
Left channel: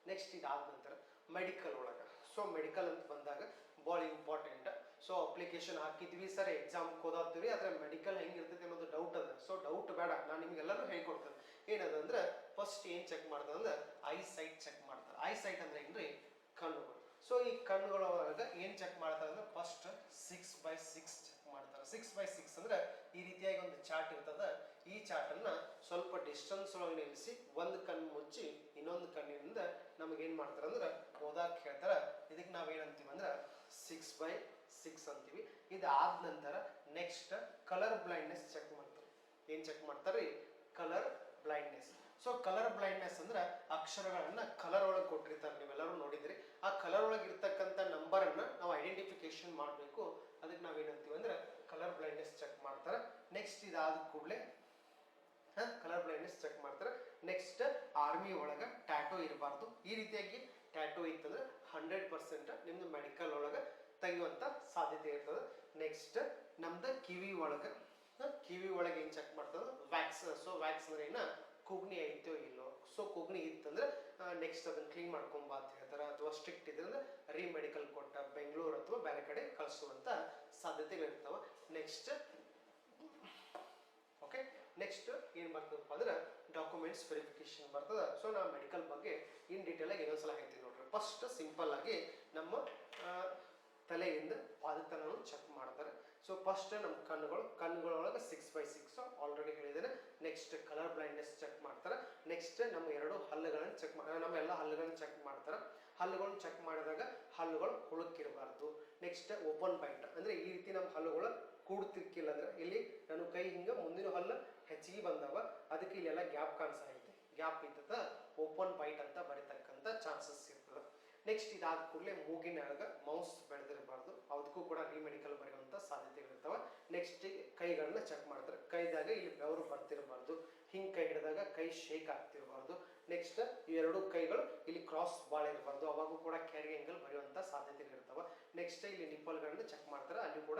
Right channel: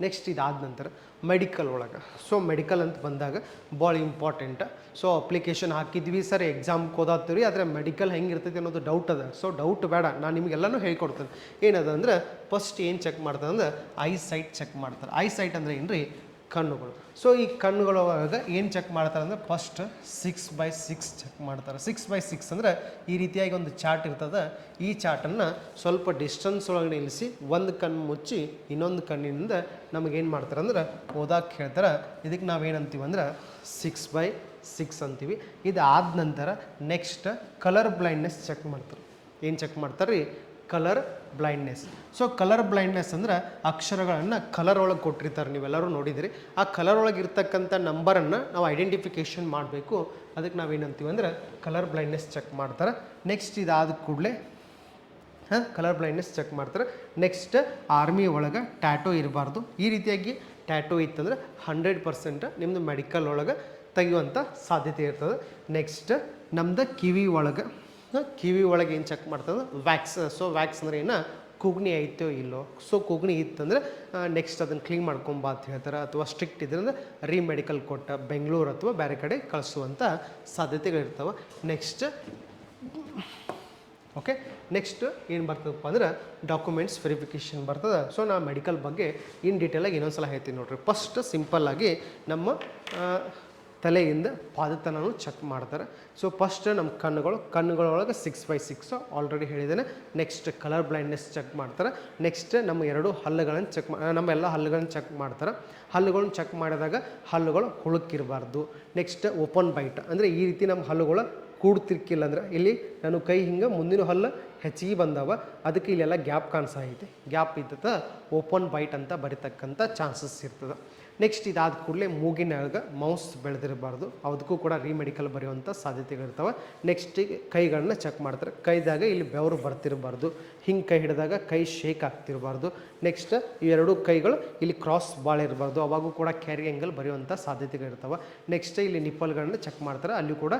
ನೆಕ್ಸ್ಟ್ ಇದಾದ ನಂತರ ಮೆಡಿಕಲ್ ಒಳಗೆ, ಸೊ ಮೆಡಿಕಲ್ ಅಂತ ಬಂದಾಗ ಭಾಳ ಇಂಪಾರ್ಟೆಂಟ್. ಸೊ ಅಪ್ಲಿಕೇಶನ್ ಹಾಕಿದ್ವಿ ಸರ್, ಎಕ್ಸಾಮ್ಗೆ ಓದಾತ್ತೀವಿ, ಆದರೆ ಮೆಡಿಕಲ್ ಹೆಂಗಿರ್ತೈತಿ ಅನ್ನೋದು ಡೌಟ್ ಅದ. ಸೊ ಡೌಟ್ ಬೇಡ, ನಾನು ನಿಮಗೆಲ್ಲನೂ ಹೇಳ್ಕೊಡ್ತೇನೆ. ಏನದ ಅಂದ್ರೆ ಫಸ್ಟ್ ಏನು ಚೆಕ್ ಮಾಡ್ತಾರೆ ಅಂದ್ರೆ ಐ ಸೈಟ್ ಚೆಕ್ ಮಾಡ್ತಾರೆ. ಐ ಸೈಟ್ ಅಂದರೆ ಏನು ರೀ ಕಣ್ಣುಗಳು. ಸೊ ಈ ಕಣ್ಣುಗಳೊಳಗೆ ಏನು ಚೆಕ್ ಮಾಡ್ತಾರೆ ಅಂದರೆ ಫಸ್ಟ್ 6x6 ಚೆಕ್ ಮಾಡ್ತಾರೆ. 6x6 ಅಂದರೆ ಈ ರೀತಿಯಾಗಿ ಒಂದು ಚಾರ್ಟ್ ಇರ್ತದೆ. ಈ ಚಾರ್ಟನ್ನು ಸ್ವಲ್ಪ ಡಿಸ್ಟೆನ್ಸ್ ಒಳಗೆ ನಿಲ್ಲಿಸಿ ಒಂದು ಕಣ್ಣು ಮುಚ್ಚಿ ಇನ್ನೊಂದು ಕಣ್ಣಿನಿಂದ ನಮಗೇನು ಮಾಡ್ತಾರೆ ಅಂದ್ರೆ ಓದಕ್ಕೆ ಹೇಳ್ತಾರೆ. ಇದಕ್ಕೆ ನಾವೇನಂತೀವಿ ಅಂದ್ರೆ 6x6 ಅಂತೀವಿ. ಇದಾದ ನಂತರ ನೆಕ್ಸ್ಟ್ ಕಲರ್ ಬ್ಲೈಂಡ್ನೆಸ್ ಚೆಕ್ ಮಾಡ್ತಾರೆ. ಏನು ಚೆಕ್ ಮಾಡ್ತಾರೆ ರೀ colour blindness. So colour blindness ಅಂದ್ರೆ ಅಕ್ಷರಗಳನ್ನು ಕಲರ್ ಒಳಗೆ ಕೊಟ್ಟಿರ್ತಾರೆ, ನೀವೆಲ್ಲರೂ ನೋಡಿದಿರಿ. ಆ ಕಲರ್ ಒಳಗೆ ಇರ್ತಕ್ಕಂಥ ನಂಬರನ್ನು ನಾವು ಐಡೆಂಟಿಫಿಕೇಷನ್ ಮಾಡಬೇಕು, ಅದಕ್ಕೆ ನಾವೇನಂತೀವಿ ಅಂದ್ರೆ ಕಲರ್ ಬ್ಲೈಂಡ್ನೆಸ್ ಚೆಕ್ ಮಾಡ್ತಾರೆ. ನೆಕ್ಸ್ಟ್ ಇದಾದ ಕೂಡಲೇ ಕಲರ್ ಬ್ಲೈಂಡ್ನೆಸ್ ಚೆಕ್ ಮಾಡ್ತಾರೆ. ನೆಕ್ಸ್ಟ್ ಆರ್ಮಿ ಒಳಗೆ ಟ್ಯಾಟೋ ಇರಬಾರ್ದು. ಈ ರೀತಿಯಾಗಿ ಟ್ಯಾಟೋ ಇತ್ತಂದ್ರೆ 100% ನಿಮ್ಮದು ಮೆಡಿಕಲ್ ಒಳಗೆ ತೆಗೆಯುವಂಥ ಸಾಧ್ಯತೆ ಇರ್ತದೆ. ನೆಕ್ಸ್ಟ್ ನಮ್ದು ಕಿವಿ ಒಳಗೆ ಏನು ಚೆಕ್ ಮಾಡ್ತದೆ ವ್ಯಾಕ್ಸ್. ಸೊ ವ್ಯಾಕ್ಸ್ ಅಂದರೆ ಏನು ಕೂಗ್ನಿ ಐತೋ ಇಲ್ಲೋ. ಸೊ ಕೂಗ್ನಿ ಇತ್ತಂದ್ರೆ ನೆಕ್ಸ್ಟ್ ಅದನ್ನು ಕ್ಲೀನ್ ಮಾಡ್ಕೊಂಬ ಅಂತ ಹೇಳ್ತಾರೆ, ಅಥವಾ ಸ್ಟ್ರಿಕ್ಟ್ ಇದ್ರಿಂದ ಮೆಡಿಕಲ್ ಕೊಟ್ಟ ಬೆಂಗಳೂರು ಅಥವಾ ಬೇರೆ ಕಡೆ ಕಳಿಸುವಂಥ ಸಾಧ್ಯತೆಗಳಿರ್ತವೆ. ನೆಕ್ಸ್ಟ್ ಓಕೆ, ನೆಕ್ಸ್ಟ್ ಏನು ಬರ್ತದಪ್ಪ ಅಂದ್ರೆ ಡಾಕ್ಯುಮೆಂಟ್ಸ್ ವೆರಿಫಿಕೇಷನ್ ಬರ್ತದೆ. ಸೊ ನಾನು ಮೆಡಿಕಲ್ ಬಗ್ಗೆ ಇನ್ ಡೀಟೇಲಾಗಿ ಇನ್ನೊಂದು ಸಲ ಹೇಳ್ತೀನಿ ನೋಡಿರಿ. ಫಸ್ಟ್ ಸಿಂಪಲ್ಲಾಗಿ ನಮ್ಮ ತಲೆಯಿಂದ ಪಾದತನೂ ಚೆಕ್ ಮಾಡ್ತಾರೆ. ಸೊ ಫಸ್ಟ್ ನಮ್ಮ ಕಣ್ಣುಗಳೊಳಗೆ 6x6 ಆಲ್ರೆಡಿ ಹೇಳಿದ್ದೇನೆ. ನೆಕ್ಸ್ಟ್ ಕಲರ್ ಬ್ಲೈಂಡ್ನೆಸ್ ಚೆಕ್ ಮಾಡ್ತಾರೆ. ನೆಕ್ಸ್ಟ್ ನಮ್ಮ ಎರಡು ಹಲ್ಲುಗಳನ್ನು ನಮ್ಮ ಎಲ್ಲ ಹಲ್ಲುಗಳನ್ನು ಚೆಕ್ ಮಾಡ್ತಾರೆ. ಹಲ್ಲುಗಳನ್ನ ಚೆಕ್ ಮಾಡಿದಾಗ ಹಲ್ಲುಗಳು ಹುಳುಕಿರಬಾರ್ದು. ನೆಕ್ಸ್ಟ್ ಓಪನ್ ಬೈಟ್ ಅಂದರೆ ಈ ರೀತಿ ನಮ್ಮ ಹಲ್ಲುಗಳು ಕೂಡ್ತಿರ್ಕಿಲ್ಲ ಅಂದ್ರೆ, ಇಲ್ಲಿ ನಾನು ಕೈ ಹಿಂಗೆ ಮುಂದಿನ ಹಲ್ಲು ಹೆಚ್ಚಿಗೆ ಬಂದವ, ಅದಕ್ಕೆ ಇಲ್ಲೆಲ್ಲ ಗ್ಯಾಪ್ ಕಾಣಿಸೈತಿ. ಗ್ಯಾಪ್ ಇದ್ದದ ಓಪನ್ ಬೈಟ್ ಅಂತ ಬರೀತಕ್ಕಂಥ ಚಾನ್ಸಸ್ ಇರ್ತದೆ. ನೆಕ್ಸ್ಟ್ ಇದಾದ ಕೂಡಲೇ ಮೂಗಿನಾಗ ಮೌಸ್ ಬೆಳೆದಿರಬಾರ್ದು, ಅದಕ್ಕೂ ಕೂಡ ಮೆಡಿಕಲ್ ಬರೆಯುವಂಥ ಸಾಧ್ಯತೆಗಳಿರ್ತವೆ. ನೆಕ್ಸ್ಟ್ ಕೈಗಳನ್ನ ಚೆಕ್ ಮಾಡ್ತಾರೆ. ಕೈದಾಗ ಇಲ್ಲಿ ಬೆವರು ಬರ್ತಿರಬಾರ್ದು, ಹಿಂಗೆ ಕೈ ಹಿಡಿದಾಗ ಕೈ ಶೇಕ್ ಆಗ್ತಿರಬಾರ್ದು. ನೆಕ್ಸ್ಟ್ ಇವೆರಡು ಕೈಗಳು ಇಲ್ಲಿ ಕ್ರಾಸ್ ಭಾಳ ಇರಬಾರ್ದು, ಅವಾಗೂ ಕೂಡ ಕ್ಯಾರಿ ಆ್ಯಂಗಲ್ ಬರೆಯುವಂಥ ಸಾಧ್ಯತೆಗಳಿರ್ತವೆ. ನೆಕ್ಸ್ಟ್ ಇಲ್ಲಿ ನಿಪ್ಪಲ್ಗಳನ್ನ ಚೆಕ್ ಮಾಡ್ತಾರೆ, ಅಲ್ಲಿ ಕೂಡ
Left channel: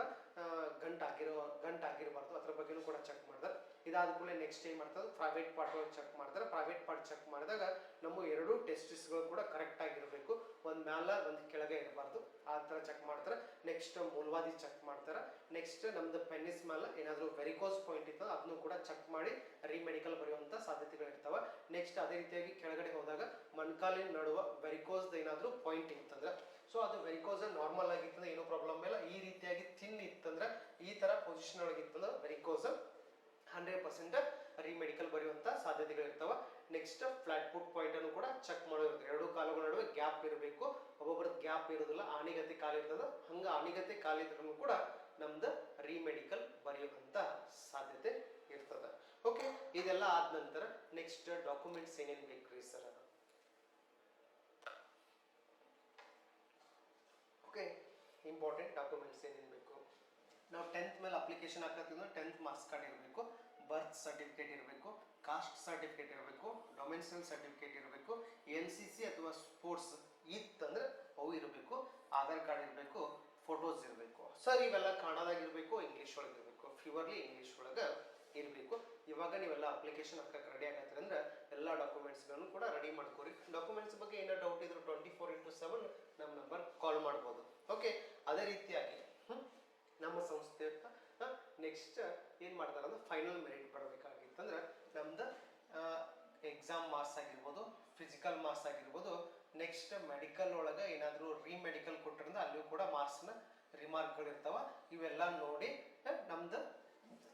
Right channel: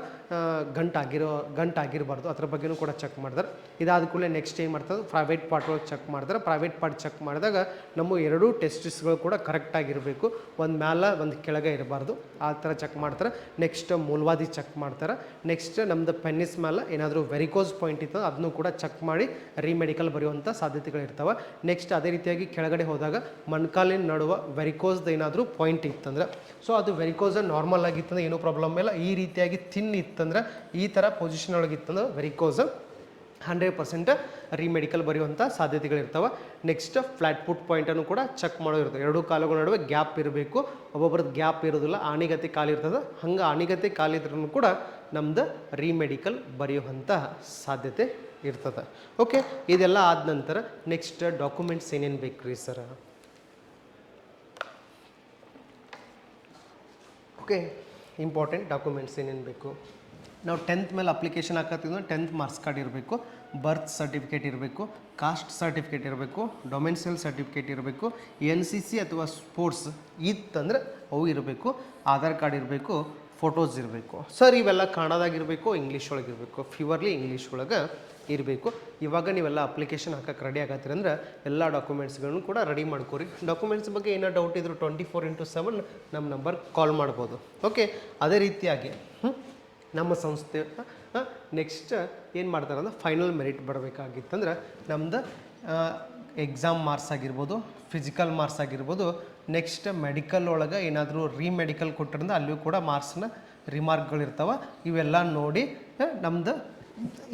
ಗಂಟಾಗಿರಬಾರ್ದು, ಅದ್ರ ಬಗ್ಗೆನೂ ಕೂಡ ಚೆಕ್ ಮಾಡ್ತಾರೆ. ಇದಾದ ಕೂಡಲೇ ನೆಕ್ಸ್ಟ್ ಏನು ಮಾಡ್ತಾರೆ ಪ್ರೈವೇಟ್ ಪಾರ್ಟ್ ಒಳಗೆ ಚೆಕ್ ಮಾಡ್ತಾರೆ. ಪ್ರೈವೇಟ್ ಪಾರ್ಟ್ ಚೆಕ್ ಮಾಡಿದಾಗ ನಮ್ಮ ಎರಡೂ ಟೆಸ್ಟಿಸ್ಗಳು ಕೂಡ ಕರೆಕ್ಟಾಗಿರಬೇಕು, ಒಂದು ಮ್ಯಾಲೆ ಒಂದು ಕೆಳಗೆ ಇರಬಾರ್ದು, ಆ ಥರ ಚೆಕ್ ಮಾಡ್ತಾರೆ. ನೆಕ್ಸ್ಟ್ ಮೂಲವಾದಿ ಚೆಕ್ ಮಾಡ್ತಾರೆ. ನೆಕ್ಸ್ಟ್ ನಮ್ಮದು ಪೆನ್ನಿಸ್ ಮೇಲೆ ಏನಾದರೂ ವೆರಿಕೋಸ್ ಪಾಯಿಂಟ್ ಇತ್ತು ಅದನ್ನು ಕೂಡ ಚೆಕ್ ಮಾಡಿ ಮೆಡಿಕಲ್ ಬರೆಯುವಂಥ ಸಾಧ್ಯತೆಗಳಿರ್ತವೆ. ನೆಕ್ಸ್ಟ್ ಅದೇ ರೀತಿಯಾಗಿ ಕೆಳಗಡೆ ಹೋದಾಗ ಮೊಣಕಾಲಿನ ನಡುವೆ ವೆರಿಕೋಸ್ದು ಏನಾದರೂ ಪಾಯಿಂಟ್ ಇತ್ತಂದ್ರೆ, ಸೊ ಅದು ವೆರಿಕೋಸ್ ನಾರ್ಮಲ್ ಆಗಿತ್ತಂದ್ರೆ ಏನೂ ಪ್ರಾಬ್ಲಮ್ ಇಲ್ಲ. ಈ ರೀತಿಯಾಗಿ ಥಿನ್ ಇತ್ತಂದ್ರೆ, ಈ ಥರ ಪೊಸಿಷನ್ ಒಳಗಿತ್ತಂದ್ರೆ ವೆರಿಕೋಸ್ 100% ಮೆಡಿಕಲ್ ಬರೆಯುವಂಥ ಸಾಧ್ಯತೆಗಳಿರ್ತವೆ. ನೆಕ್ಸ್ಟ್ ಫ್ಲ್ಯಾಟ್ ಫುಟ್ ಪಾಯಿಂಟನ್ನು ಕೂಡ ಚೆಕ್ ಮಾಡೋದಿರ್ತದೆ. ಎರಡೂ ಕಾಲುಗಳ ನಡುವೆ ಗ್ಯಾಪ್ ಇರಬೇಕು, ಒಬ್ಬೊಬ್ರದ್ದು ಗ್ಯಾಪ್ ಇರೋದಿಲ್ಲ, ಆಣಿಗತೆ ಕಾಲಿರ್ತದೆ. ಹಂಗೆ ಆಣಿಗತೆ ಕಾಲಿದ್ರೂ ಕೂಡ ನಮ್ದು ಮೆಡಿಕಲ್ ಬರೆಯುವಂಥ ಸಾಧ್ಯತೆ ಇರ್ತದೆ. ಓಕೆ, ಇದೆಲ್ಲ ಆದ ನಂತರ ನೆಕ್ಸ್ಟ್ ಡಾಕ್ಯುಮೆಂಟ್ಸ್ ಏನೇನು ಬೇಕು ರೀ ಸರ್? ಓಕೆ, ಇಂಪಾರ್ಟೆಂಟ್ ಡಾಕ್ಯುಮೆಂಟ್ಸ್ ಏನೇನು ಬೇಕು? ನಾವು 10th ಮೇಲೆ ಅಪ್ಲಿಕೇಶನ್ ಹಾಕತ್ತಿದ್ರೆ 10th ಮಾರ್ಕ್ಸ್ ಕಾರ್ಡ್ ಇರಬೇಕು, ಬರ್ತ್ ಸರ್ಟಿಫಿಕೇಟ್ ಇರಬೇಕು, ಕಾಸ್ಟ್ ಸರ್ಟಿಫಿಕೇಟ್ ಇರಬೇಕು, ಡೊಮೆನ್ಸಿಯಲ್ ಸರ್ಟಿಫಿಕೇಟ್ ಇರಬೇಕು, NCC ಅಥವಾ ಸ್ಪೋರ್ಟ್ಸ್ ಇತ್ತಂದ್ರೆ ಅವು ಇರಬೇಕು, ಆಧಾರ್ ಕಾರ್ಡ್ ಇರಬೇಕು, ಫೋಟೋಸ್ ಇರಬೇಕು. ಸರ್ ಇವೆಲ್ಲ ಕನ್ನಡದಾಗಿರಬೇಕು, ಇಂಗ್ಲೀಷ್ ಒಳಗೆ ಇರಬೇಕು? ಪ್ಯೂರ್ಲಿ ಇಂಗ್ಲೀಷ್ ಒಳಗೆ ಇರಬೇಕು. ಇವಾಗ ನೀವೆಲ್ಲ ಅಪ್ಲಿಕೇಶನ್ ಹಾಕಕ್ಕೆ ರೆಡಿ ಆಗತ್ತೀರಿ ಅಂದ್ರೆ ಎಲ್ಲ ಡಾಕ್ಯುಮೆಂಟ್ಸ್ಗಳನ್ನು ಕೂಡ ರೆಡಿ ಮಾಡ್ಕೋರಿ. ಡಾಕ್ಯುಮೆಂಟ್ಸ್ ಬಗ್ಗೆ ಏನೋ ಡೌಟ್ ಇದ್ದರೂ 24/7 ನಮ್ಮ ನಂಬರ್ ಕಾಲ್ ಮಾಡ್ಬೋದು. ಓಕೆ, ಅದೇ ರೀತಿಯಾಗಿ ನಮ್ಮ ಸಂಸ್ಥೆ ನೆಕ್ಸ್ಟ್ ಏನು ಮಾಡ್ತಾರೆ ಅಂದ್ರೆ ಫೈನಲ್ ಮೆರಿಟ್ ಬರಬೇಕಾಗಿತ್ತಂದ್ರೆ ನಮ್ದು ಎಕ್ಸಾಮ್ ಮಾರ್ಕ್ಸ್ ಆಗಿರ್ಬೋದು, ಫಿಸಿಕಲ್ ಮಾರ್ಕ್ಸ್ ಆಗಿರ್ಬೋದು, ನೆಕ್ಸ್ಟ್ ಮೆಡಿಕಲ್ ಒಳಗೆ ಏನಾದರೂ ಮೆಡಿಕಲ್ ಕೊಟ್ಟಿರಿಂದ ಅಲ್ಲಿಯೂ ಕೂಡ ಮಾರ್ಕ್ಸ್ನ ರಿಮಾರ್ಕ್ಗಳಿರ್ತಾವೆ. ಇವೆಲ್ಲ ನೋಡಿ ನಮ್ದು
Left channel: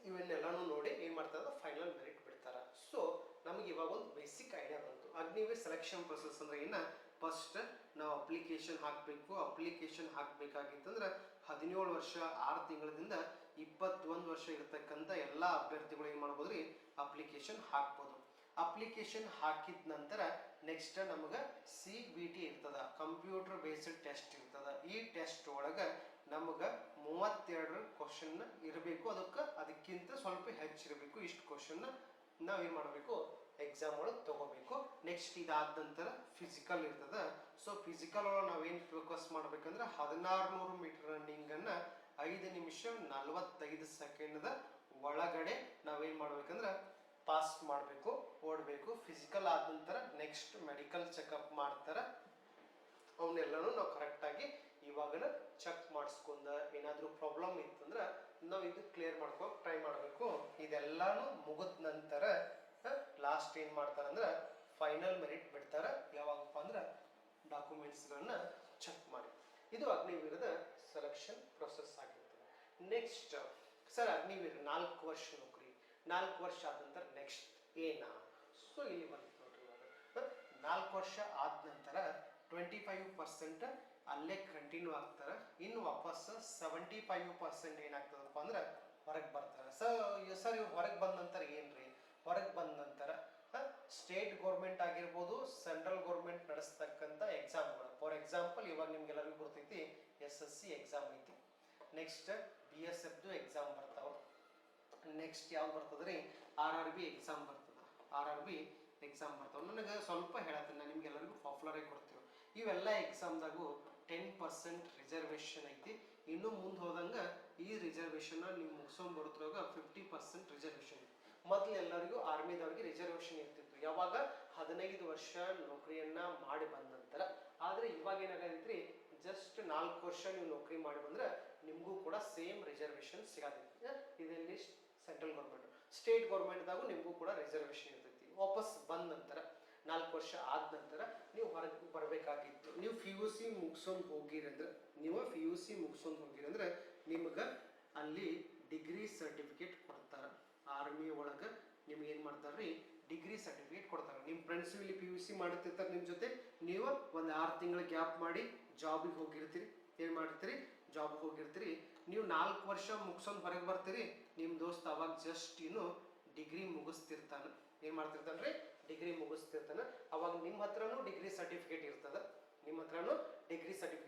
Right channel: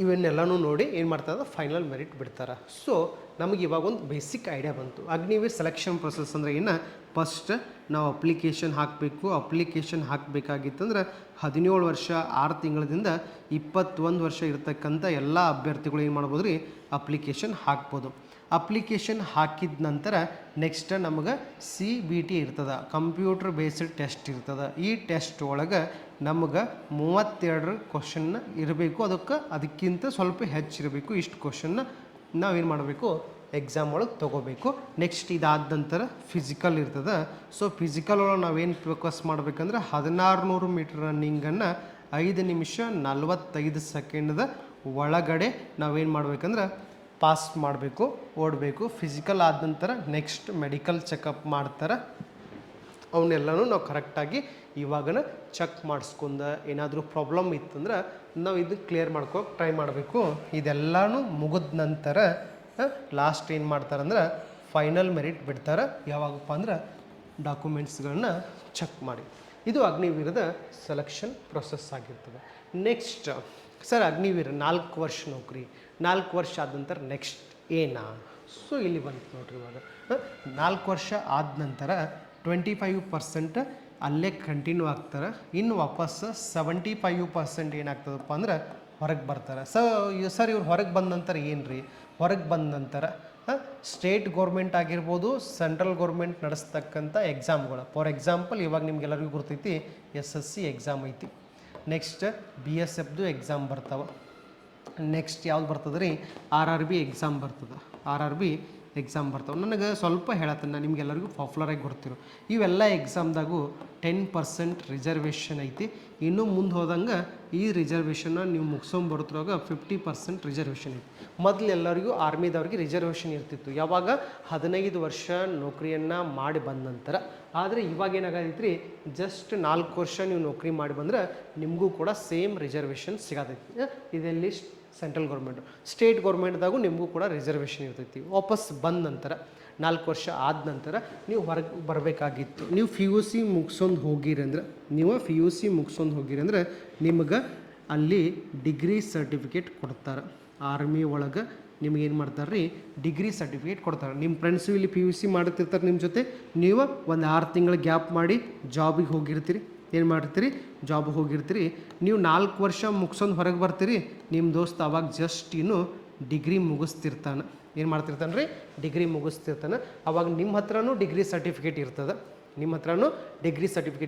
ಇವನ್ನೆಲ್ಲನೂ ನೋಡಿ ಏನು ಮಾಡ್ತಾರೆ ಫೈನಲ್ ಮೆರಿಟ್ ಬಿಡ್ತಾರೆ. ಸೊ ನಮಗೆ ಇವಾಗ ಒಂದು ಬೇಸಿಕ್ ಐಡಿಯಾ ಬಂತು. ಅಗ್ನಿವೀರ್ ಸೆಲೆಕ್ಷನ್ ಪ್ರೊಸೆಸ್ ಅಂದರೆ ಏನು, ಫಸ್ಟ್ ನಾವು ಅಪ್ಲಿಕೇಶನ್ ಹಾಕಬೇಕು. ಅಪ್ಲಿಕೇಶನ್ ಹಾಕಬೇಕಾಗಿತ್ತಂದ್ರೆ 17 ವರ್ಷ 6 ತಿಂಗಳಿಂದ 21 ವರ್ಷ ಇರ್ತಕ್ಕಂಥ ಎಲ್ಲ ಅಭ್ಯರ್ಥಿಗಳು ಏನು ಮಾಡ್ಬೋದು ರೀ, ಅಪ್ಲಿಕೇಶನ್ ಹಾಕ್ಬೋದು. ಅಪ್ಲಿಕೇಶನ್ ಹಾಕಿದ ನಂತರ ನೆಕ್ಸ್ಟ್ ನಮಗೆ CBT ಇರ್ತದೆ, ಕಂಪ್ಯೂಟರ್ ಬೇಸ್ಡ್ ಟೆಸ್ಟ್ ಇರ್ತದೆ. ಈ ಟೆಸ್ಟ್ ಒಳಗೆ ನಮಗೆ 32 ಕ್ವಶನ್ನ ಇರಬೇಕು. ಅದಕ್ಕಿಂತ ಸ್ವಲ್ಪ ಹೆಚ್ಚಿರಬೇಕು. ಇಷ್ಟು ಕ್ವಶನ್ನ ನಾವೇನು ಮಾಡಬೇಕು, ಎಕ್ಸಾಮ್ ಒಳಗೆ ತೊಗೋಬೇಕು. ನೆಕ್ಸ್ಟ್ ಇದಾದ ನಂತರ ಫಿಸಿಕಲ್ ಇರ್ತದೆ. ಸೊ ಫಿಸಿಕಲ್ ಒಳಗೆ ನಾವೇನು ಫೋಕಸ್ ಮಾಡ್ಬೇಕಂದ್ರೆ 1600 ಮೀಟರ್ ರನ್ನಿಂಗನ್ನು 5 ನಿಮಿಷ 45 ಸೆಕೆಂಡ್ದ ಒಳಗಡೆ ನಾವೇನು ಮಾಡ್ಬೇಕಂದ್ರೆ ಪಾಸ್ ಮಾಡಬೇಕು, ಓಡಬೇಕು. ಫಿಸಿಕಲ್ ಆದ ನಂತರ ನೆಕ್ಸ್ಟ್ ಮೆಡಿಕಲ್ ಚೆಕಪ್ ಮಾಡ್ತಾರೆ. ಅವನ್ನೆಲ್ಲನೂ ನಾವು ಕರೆಕ್ಟಾಗಿ ಇವಾಗನ ಚೆಕ್ ಮಾಡಿಸ್ಕೊಂಡ ಏನಾದರೂ ಪ್ರಾಬ್ಲಮ್ ಇತ್ತಂದ್ರೆ ನಾವು ಇದು ಕ್ಲಿಯರ್ ಮಾಡ್ಕೋಕೆ ಟ್ರೈ ಮಾಡಬೇಕು. ಇದೆಲ್ಲನೂ ಮುಗಿದ ನಂತರ ಲಾಸ್ಟ್ ಏನು ಮಾಡ್ತಾರಂದ್ರೆ ಫೈನಲ್ ಮೆರಿಟ್ ಬಿಡ್ತಾರೆ. ಯಾವಾಗಪ್ಪ ಅಂದ್ರೆ ಡಾಕ್ಯುಮೆಂಟ್ಸ್ಗಳನ್ನ ಚೆಕ್ ಮಾಡಿ. ಇದು ಅಗ್ನಿವೀರದ ಸೆಲೆಕ್ಷನ್ ಪ್ರೊಸೆಸ್ ಆಗಿರ್ತದೆ. ನೆಕ್ಸ್ಟ್ ಸರ್ ಅಗ್ನಿವೀರ 4 ವರ್ಷ ನೌಕರಿ, 4 ವರ್ಷ ಆದ ನಂತರ ನೆಕ್ಸ್ಟ್ ಏನಾ? ಸೊ ಇಲ್ಲಿ ಬಂತು ನೋಡ್ರಿ. ಇವಾಗ 4 ವರ್ಷ ಆದ ನಂತರ 25% ಅಲ್ಲೇ ಕಂಟಿನ್ಯೂ ಆಗ್ತಾರೆ. ಇನ್ನು ವಾಪಸ್ 75% ಏನಾಗ್ತದಪ್ಪ ಅಂದ್ರೆ ಹೊರಗೆ ಬರ್ತಾರೆ. ಸರ್ ಇವ್ರು ಹೊರಗೆ ಬಂದ ನಂತರ ಏನು ರೀ, ಹೊರಗೆ ಬಂದ ನಂತರ ಸ್ಟೇಟ್ ಗೌರ್ಮೆಂಟ್ ಆಗಿರ್ಬೋದು, ಸೆಂಟ್ರಲ್ ಗೌರ್ಮೆಂಟ್ ನಡೆಸ್ತಕ್ಕಂಥ ಎಕ್ಸಾಮ್ಗಳು. ಫಾರ್ ಎಕ್ಸಾಂಪಲ್ ಇವಾಗ ನಿಮ್ಗೆಲ್ಲರಿಗೂ ಗೊತ್ತೈತಿ SSC ಎಕ್ಸಾಮ್ ಐತಿ. ನೆಕ್ಸ್ಟ್ BSFದು ಎಕ್ಸಾಮ್ ಬರ್ತಾವೆ. ನೆಕ್ಸ್ಟ್ ಯಾವ್ದು ಬರ್ತದೆ ರೀ, RRB ಎಕ್ಸಾಮ್ ಬರ್ತದೆ. RRB ಎಕ್ಸಾಮ್ ಬರ್ತಾವೆ. ನನಗೆ ಸ್ವಲ್ಪ ಹೇಳತ್ತೇನೆ, ನಿಮ್ಗೆಲ್ಲರಿಗೂ ಪಾಪ್ಯುಲರಾಗಿ ಗೊತ್ತಿರೋ ಇವೆಲ್ಲ ಎಕ್ಸಾಮ್ದಾಗೂ 10% ರಿಸರ್ವೇಷನ್ ಐತಿ. ಇನ್ನೂ ಮುಂದೆ ಹೋದಂಗೆ ಈ ರಿಸರ್ವೇಷನ್ನ ನೀವು ಮುಗಿಸ್ಕೊಂಬರ್ತಿರುವಾಗ 50% ರಿಸರ್ವೇಷನ್ ಐತಿ. ಮೊದಲು ಎಲ್ಲರಿಗೂ ಆರ್ಮಿದವ್ರಿಗೆ ರಿಸರ್ವೇಷನ್ ಇರ್ತಿತ್ತು, ಯಾವಾಗ 15 ವರ್ಷ ನೌಕರಿಯನ್ನು ಮಾಡಿ ಬಂದ ನಂತರ. ಆದರೆ ಇವಾಗ ಏನಾಗೈತಿ ರೀ, ಜಸ್ಟ್ 4 ವರ್ಷ ನೀವು ನೌಕರಿ ಮಾಡಿ ಬಂದರೆ ನಿಮಗೂ ಕೂಡ ಸೇಮ್ ರಿಸರ್ವೇಷನ್ ಸಿಗತೈತಿ. ಇದೆಲ್ಲಿ ಸೆಂಟ್ರಲ್ ಗೌರ್ಮೆಂಟು, ಸ್ಟೇಟ್ ಗೌರ್ಮೆಂಟ್ದಾಗೂ ನಿಮಗೂ ಕೂಡ ರಿಸರ್ವೇಷನ್ ಇರ್ತೈತಿ. ವಾಪಸ್ ಬಂದ ನಂತರ 4 ವರ್ಷ ಆದ ನಂತರ ನೀವು ಹೊರಗೆ ಬರಬೇಕಾಗಿತ್ತು. ನೀವು PUC ಮುಗಿಸೊಂದು ಹೋಗಿರಿ ಅಂದ್ರೆ, ನಿಮಗೆ ಅಲ್ಲಿ ಡಿಗ್ರಿ ಸರ್ಟಿಫಿಕೇಟ್ ಕೊಡ್ತಾರೆ. ಆರ್ಮಿ ಒಳಗೆ ನಿಮ್ಗೆ ಏನು ಮಾಡ್ತಾರೆ ರೀ, ಡಿಗ್ರಿ ಸರ್ಟಿಫಿಕೇಟ್ ಕೊಡ್ತಾರೆ. ನಿಮ್ಮ ಫ್ರೆಂಡ್ಸು ಇಲ್ಲಿ PUC ಮಾಡ್ತಿರ್ತಾರೆ ನಿಮ್ಮ ಜೊತೆ, ನೀವು ಒಂದು 6 ತಿಂಗಳ ಗ್ಯಾಪ್ ಮಾಡಿ ಜಾಬಿಗೆ ಹೋಗಿರ್ತೀರಿ. ಏನು ಮಾಡಿರ್ತೀರಿ, ಜಾಬಿಗೆ ಹೋಗಿರ್ತೀರಿ. ನೀವು 4 ವರ್ಷ ಮುಗಿಸೊಂದು ಹೊರಗೆ ಬರ್ತೀರಿ. ನಿಮ್ಮ ದೋಸ್ತ ಅವಾಗ ಜಸ್ಟ್ ಇನ್ನು ಡಿಗ್ರಿ ಮುಗಿಸ್ತಿರ್ತಾನೆ. ಏನು ಮಾಡ್ತಿರ್ತಾನೆ ರೀ, ಡಿಗ್ರಿ ಮುಗಿಸ್ತಿರ್ತಾನೆ. ಅವಾಗ ನಿಮ್ಮ ಹತ್ರನೂ ಡಿಗ್ರಿ ಸರ್ಟಿಫಿಕೇಟ್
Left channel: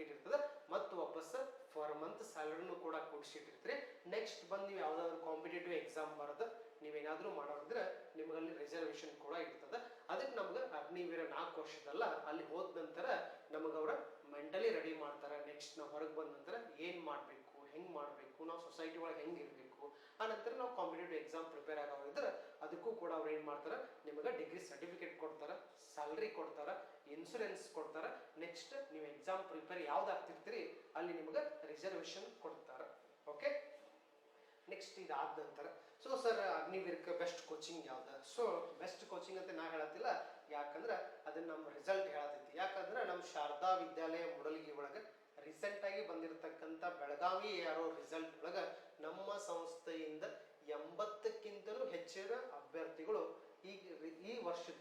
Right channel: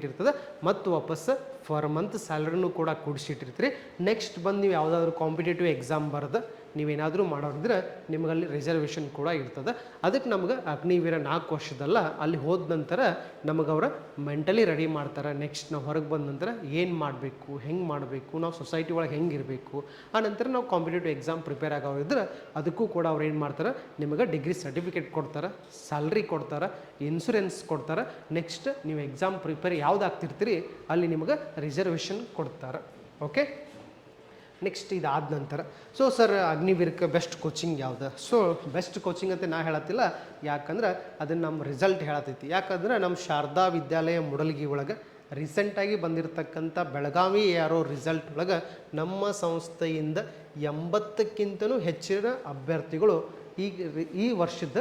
ಇರ್ತದೆ, ಮತ್ತು ವಾಪಸ್ ಫರ್ ಮಂತ್ ಸ್ಯಾಲ್ರಿನೂ ಕೂಡ ಕೂಡಿಸಿಟ್ಟಿರ್ತೀರಿ. ನೆಕ್ಸ್ಟ್ ಬಂದು ನೀವು ಯಾವುದಾದ್ರೂ ಕಾಂಪಿಟೇಟಿವ್ ಎಕ್ಸಾಮ್ ಬರೆದು ನೀವೇನಾದರೂ ಮಾಡೋರಿದ್ರೆ ನಿಮಗಲ್ಲಿ ರಿಸರ್ವೇಷನ್ ಕೂಡ ಇರ್ತದೆ. ಅದಕ್ಕೆ ನಮ್ಗೆ ಅಗ್ನಿವೀರ 4 ವರ್ಷದಲ್ಲ, ಅಲ್ಲಿ ಹೋದ ನಂತರ ನಮಗೆ ಅವರ ಮೆಂಟಲಿ ರೆಡಿ ಮಾಡ್ತಾರೆ. ನೆಕ್ಸ್ಟ್ ನಾವು ಹೊರಗೆ ಬಂದ ನಂತರ ಏನು ಮಾಡಬೇಕು, ಹೆಂಗೆ ಮಾಡಬೇಕು, ನಾವು ಸೊಸೈಟಿ ಒಳಗೆ ಹೆಂಗೆ ಇರಬೇಕು. ಆ ನಂತರ ನಾವು ಕಾಂಪಿಟೇಟಿವ್ ಎಕ್ಸಾಮ್ ಪ್ರಿಪೇರ್ ಆಗೋರಿದ್ರೆ ಅದಕ್ಕೂ ಕೂಡ ಅವ್ರು ಏನು ಮಾಡ್ತಾರೆ, ನಿಮಗೆ ಡಿಗ್ರಿ ಸರ್ಟಿಫಿಕೇಟ್ ಕೊಡ್ತಾರೆ, ಸ್ಯಾಲ್ರಿ ಕೊಡ್ತಾರೆ, ಇನ್ಶೂರೆನ್ಸ್ ಕೊಡ್ತಾರೆ. ನೆಕ್ಸ್ಟ್ ನೀವು ಎಕ್ಸಾಮ್ ಪ್ರಿಪೇರ್ ಯಾವ್ದು ಆಗ್ತಿರ್ತೀರಿ ಅಲ್ಲಿ ನಿಮಗೆ ರಿಸರ್ವೇಷನ್ ಕೊಡ್ತಾರೆ. ಓಕೆ, ನೆಕ್ಸ್ಟ್ ಇದಾದ ನಂತರ ಸರ್ ಅಗ್ನಿವೀರಕ್ಕೆ ಬೆಸ್ಟ್ ಕೋಚಿಂಗ್ ಯಾವುದು? ಬೆಸ್ಟ್ ಕೋಚಿಂಗ್ ಅಂತ ನಾ ಹೇಳತ್ತಿಲ್ಲ, ಯಾಕಂದ್ರೆ ಅದನ್ನು ನಮ್ಮ ರಿಸಲ್ಟ್ ಹೇಳತೈತಿ. ಯಾಕಂದ್ರೆ ನಮ್ಮ ಶಾರದಾ ವಿದ್ಯಾಲಯ ಮುಡಲ್ಗಿ ಒಳಗೆ ರೀಸೆಂಟಾಗಿ ಬಂದಿರತಕ್ಕಂಥ ಬೆಳಗಾವಿ ರಿಸಲ್ಟ್ ಒಳಗೆ ನಮ್ಮ ಸಂಸ್ಥೆಯಿಂದ 80ಕ್ಕಿಂತಲೂ ಹೆಚ್ಚಿನ ಅಭ್ಯರ್ಥಿಗಳು ಈ ವರ್ಷದ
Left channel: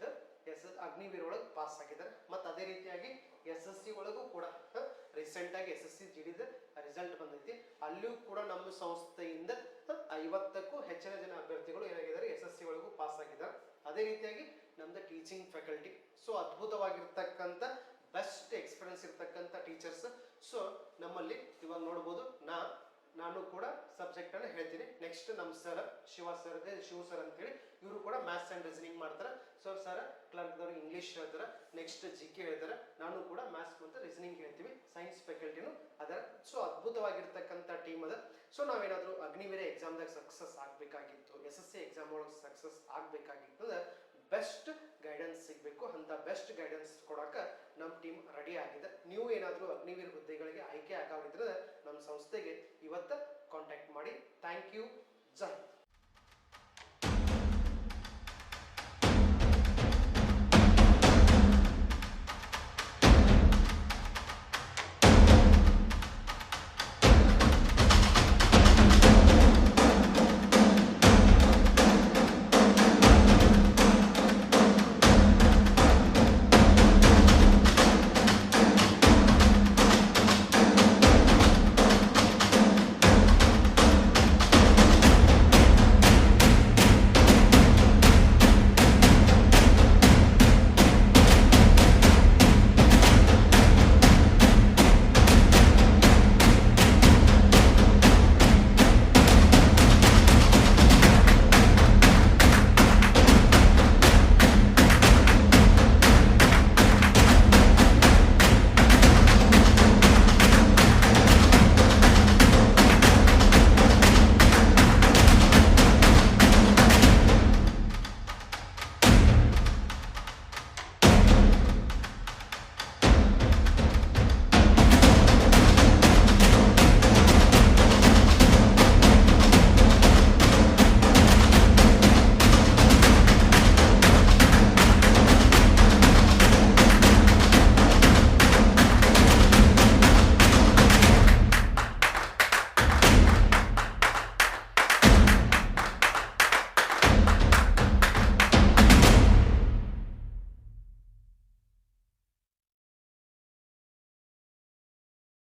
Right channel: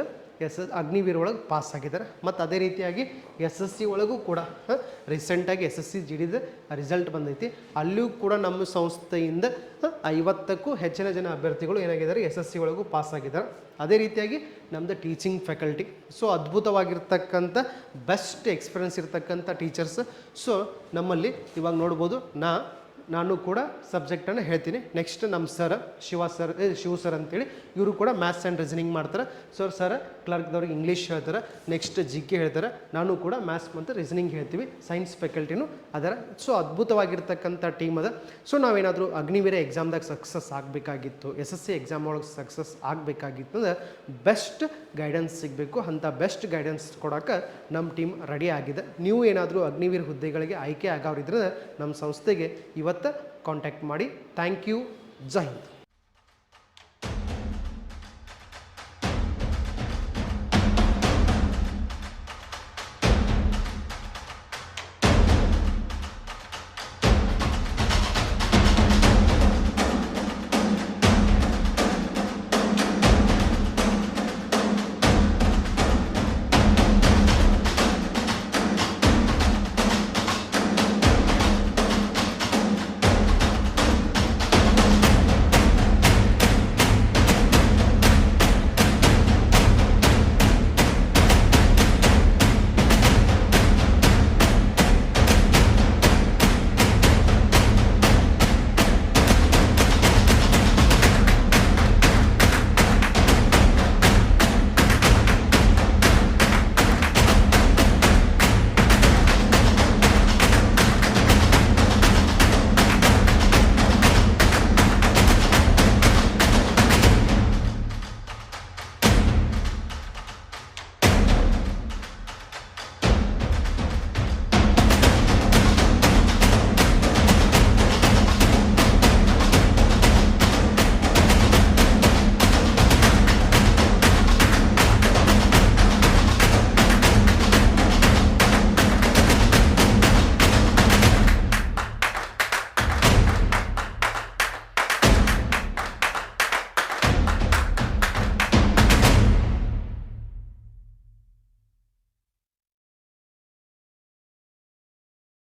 ಅಗ್ನಿವೀರ ಒಳಗೆ ಪಾಸ್ ಆಗಿದ್ದಾರೆ. ಮತ್ತು ಅದೇ ರೀತಿಯಾಗಿ SSC ಒಳಗೂ ಕೂಡ ರೀಸೆಂಟಾಗಿ SSC GDದ ರಿಸಲ್ಟ್ ಬಂದೈತಿ. ಅಲ್ಲಿಯೂ ಕೂಡ ನಮ್ಮ ಸಂಸ್ಥೆಯಿಂದ 50ಕ್ಕೂ ಹೆಚ್ಚಿನ ಜನ ಅಭ್ಯರ್ಥಿಗಳು ಏನಾಗಿದ್ದಾರೆ, SSC ಒಳಗೂ ಪಾಸ್ ಆಗಿದ್ದಾರೆ. ಅದೇ ರೀತಿಯಾಗಿ ನಮ್ಮದು ಟೀಚಿಂಗ್ ಫ್ಯಾಕಲ್ಟಿ ಅದ್ಭುತವಾಗಿರ್ತಕ್ಕಂಥ ಬೆಸ್ಟ್ ಎಕ್ಸ್ಪೀರಿಯನ್ಸ್ ಇರ್ತಕ್ಕಂಥ ಟೀಚರ್ಸ್. ನಮ್ಮಲ್ಲಿ ಇವಾಗ ನೋಡ್ಬೋದು, ನಾನು ಕೂಡ ಸಬ್ಜೆಕ್ಟನ್ನು ಹೇಳ್ತೀನಿ. ನೆಕ್ಸ್ಟ್ ನಮ್ಮ ಶಿವ ಸರ್ ಅಂತೇಳಿ, ಇವರು ಕೂಡ ಮ್ಯಾಥ್ಸ್ ಆ್ಯಂಡ್ ರೀಸನಿಂಗ್ ಮಾಡ್ತಾರೆ. ಸರ್ ಕ್ಲರ್ಕ್ದವ್ರಿಗೆ ಇಂಗ್ಲೀಷ್ ಹೇಳ್ತಾರೆ, ನೆಕ್ಸ್ಟ್ ಜಿ ಕೆ ಹೇಳ್ತಾರೆ, ನಾನು ಕೂಡ ಮ್ಯಾಥ್ಸ್ ಮತ್ತು ರೀಸನಿಂಗ್ ಹೇಳ್ತೀವಿ, ಸೈನ್ಸ್ ಫ್ಯಾಕಲ್ಟಿನೂ ಅದರ. ಸೊ ಅದ್ಭುತವಾಗಿರ್ತಕ್ಕಂಥ ಟೀಮ್ ಅದ. ಸೊ ನಾವೇನಾದರೂ ಅಗ್ನಿವೀರ ಎಕ್ಸಾಮ್ದಾಗ ಸಕ್ಸಸ್ ಆಗಬೇಕಾಗಿತ್ತು, SSC ಎಕ್ಸಾಮ್ ಒಳಗೆ ಸಕ್ಸಸ್ ಆಗಬೇಕಾಗಿತ್ತು ಅಂದ್ರೆ ಬೆಸ್ಟ್ ಗೈಡೆನ್ಸ್ ಸಿಗಬೇಕು. ಅಂಥ ಬೆಸ್ಟ್ ಗೈಡೆನ್ಸ್ ಕೊಡೋಕೆ ನಮ್ಮ ಟೀಮ್ ರೆಡಿ ಆಗಿದೆ. ನೀವು ಏನಾದರೂ ಅಗ್ನಿವೀರ ಹುದ್ದೆಗಳಿಗೆ ಆಯ್ಕೆ ಆಗೋರಿದ್ರೆ ನಮ್ಮ ಸಂಸ್ಥೆಗೆ ಇವತ್ತು ಕಾಂಟ್ಯಾಕ್ಟ್ ಮಾಡಿ. Thank you. ಜೈ ಹಿಂದ್.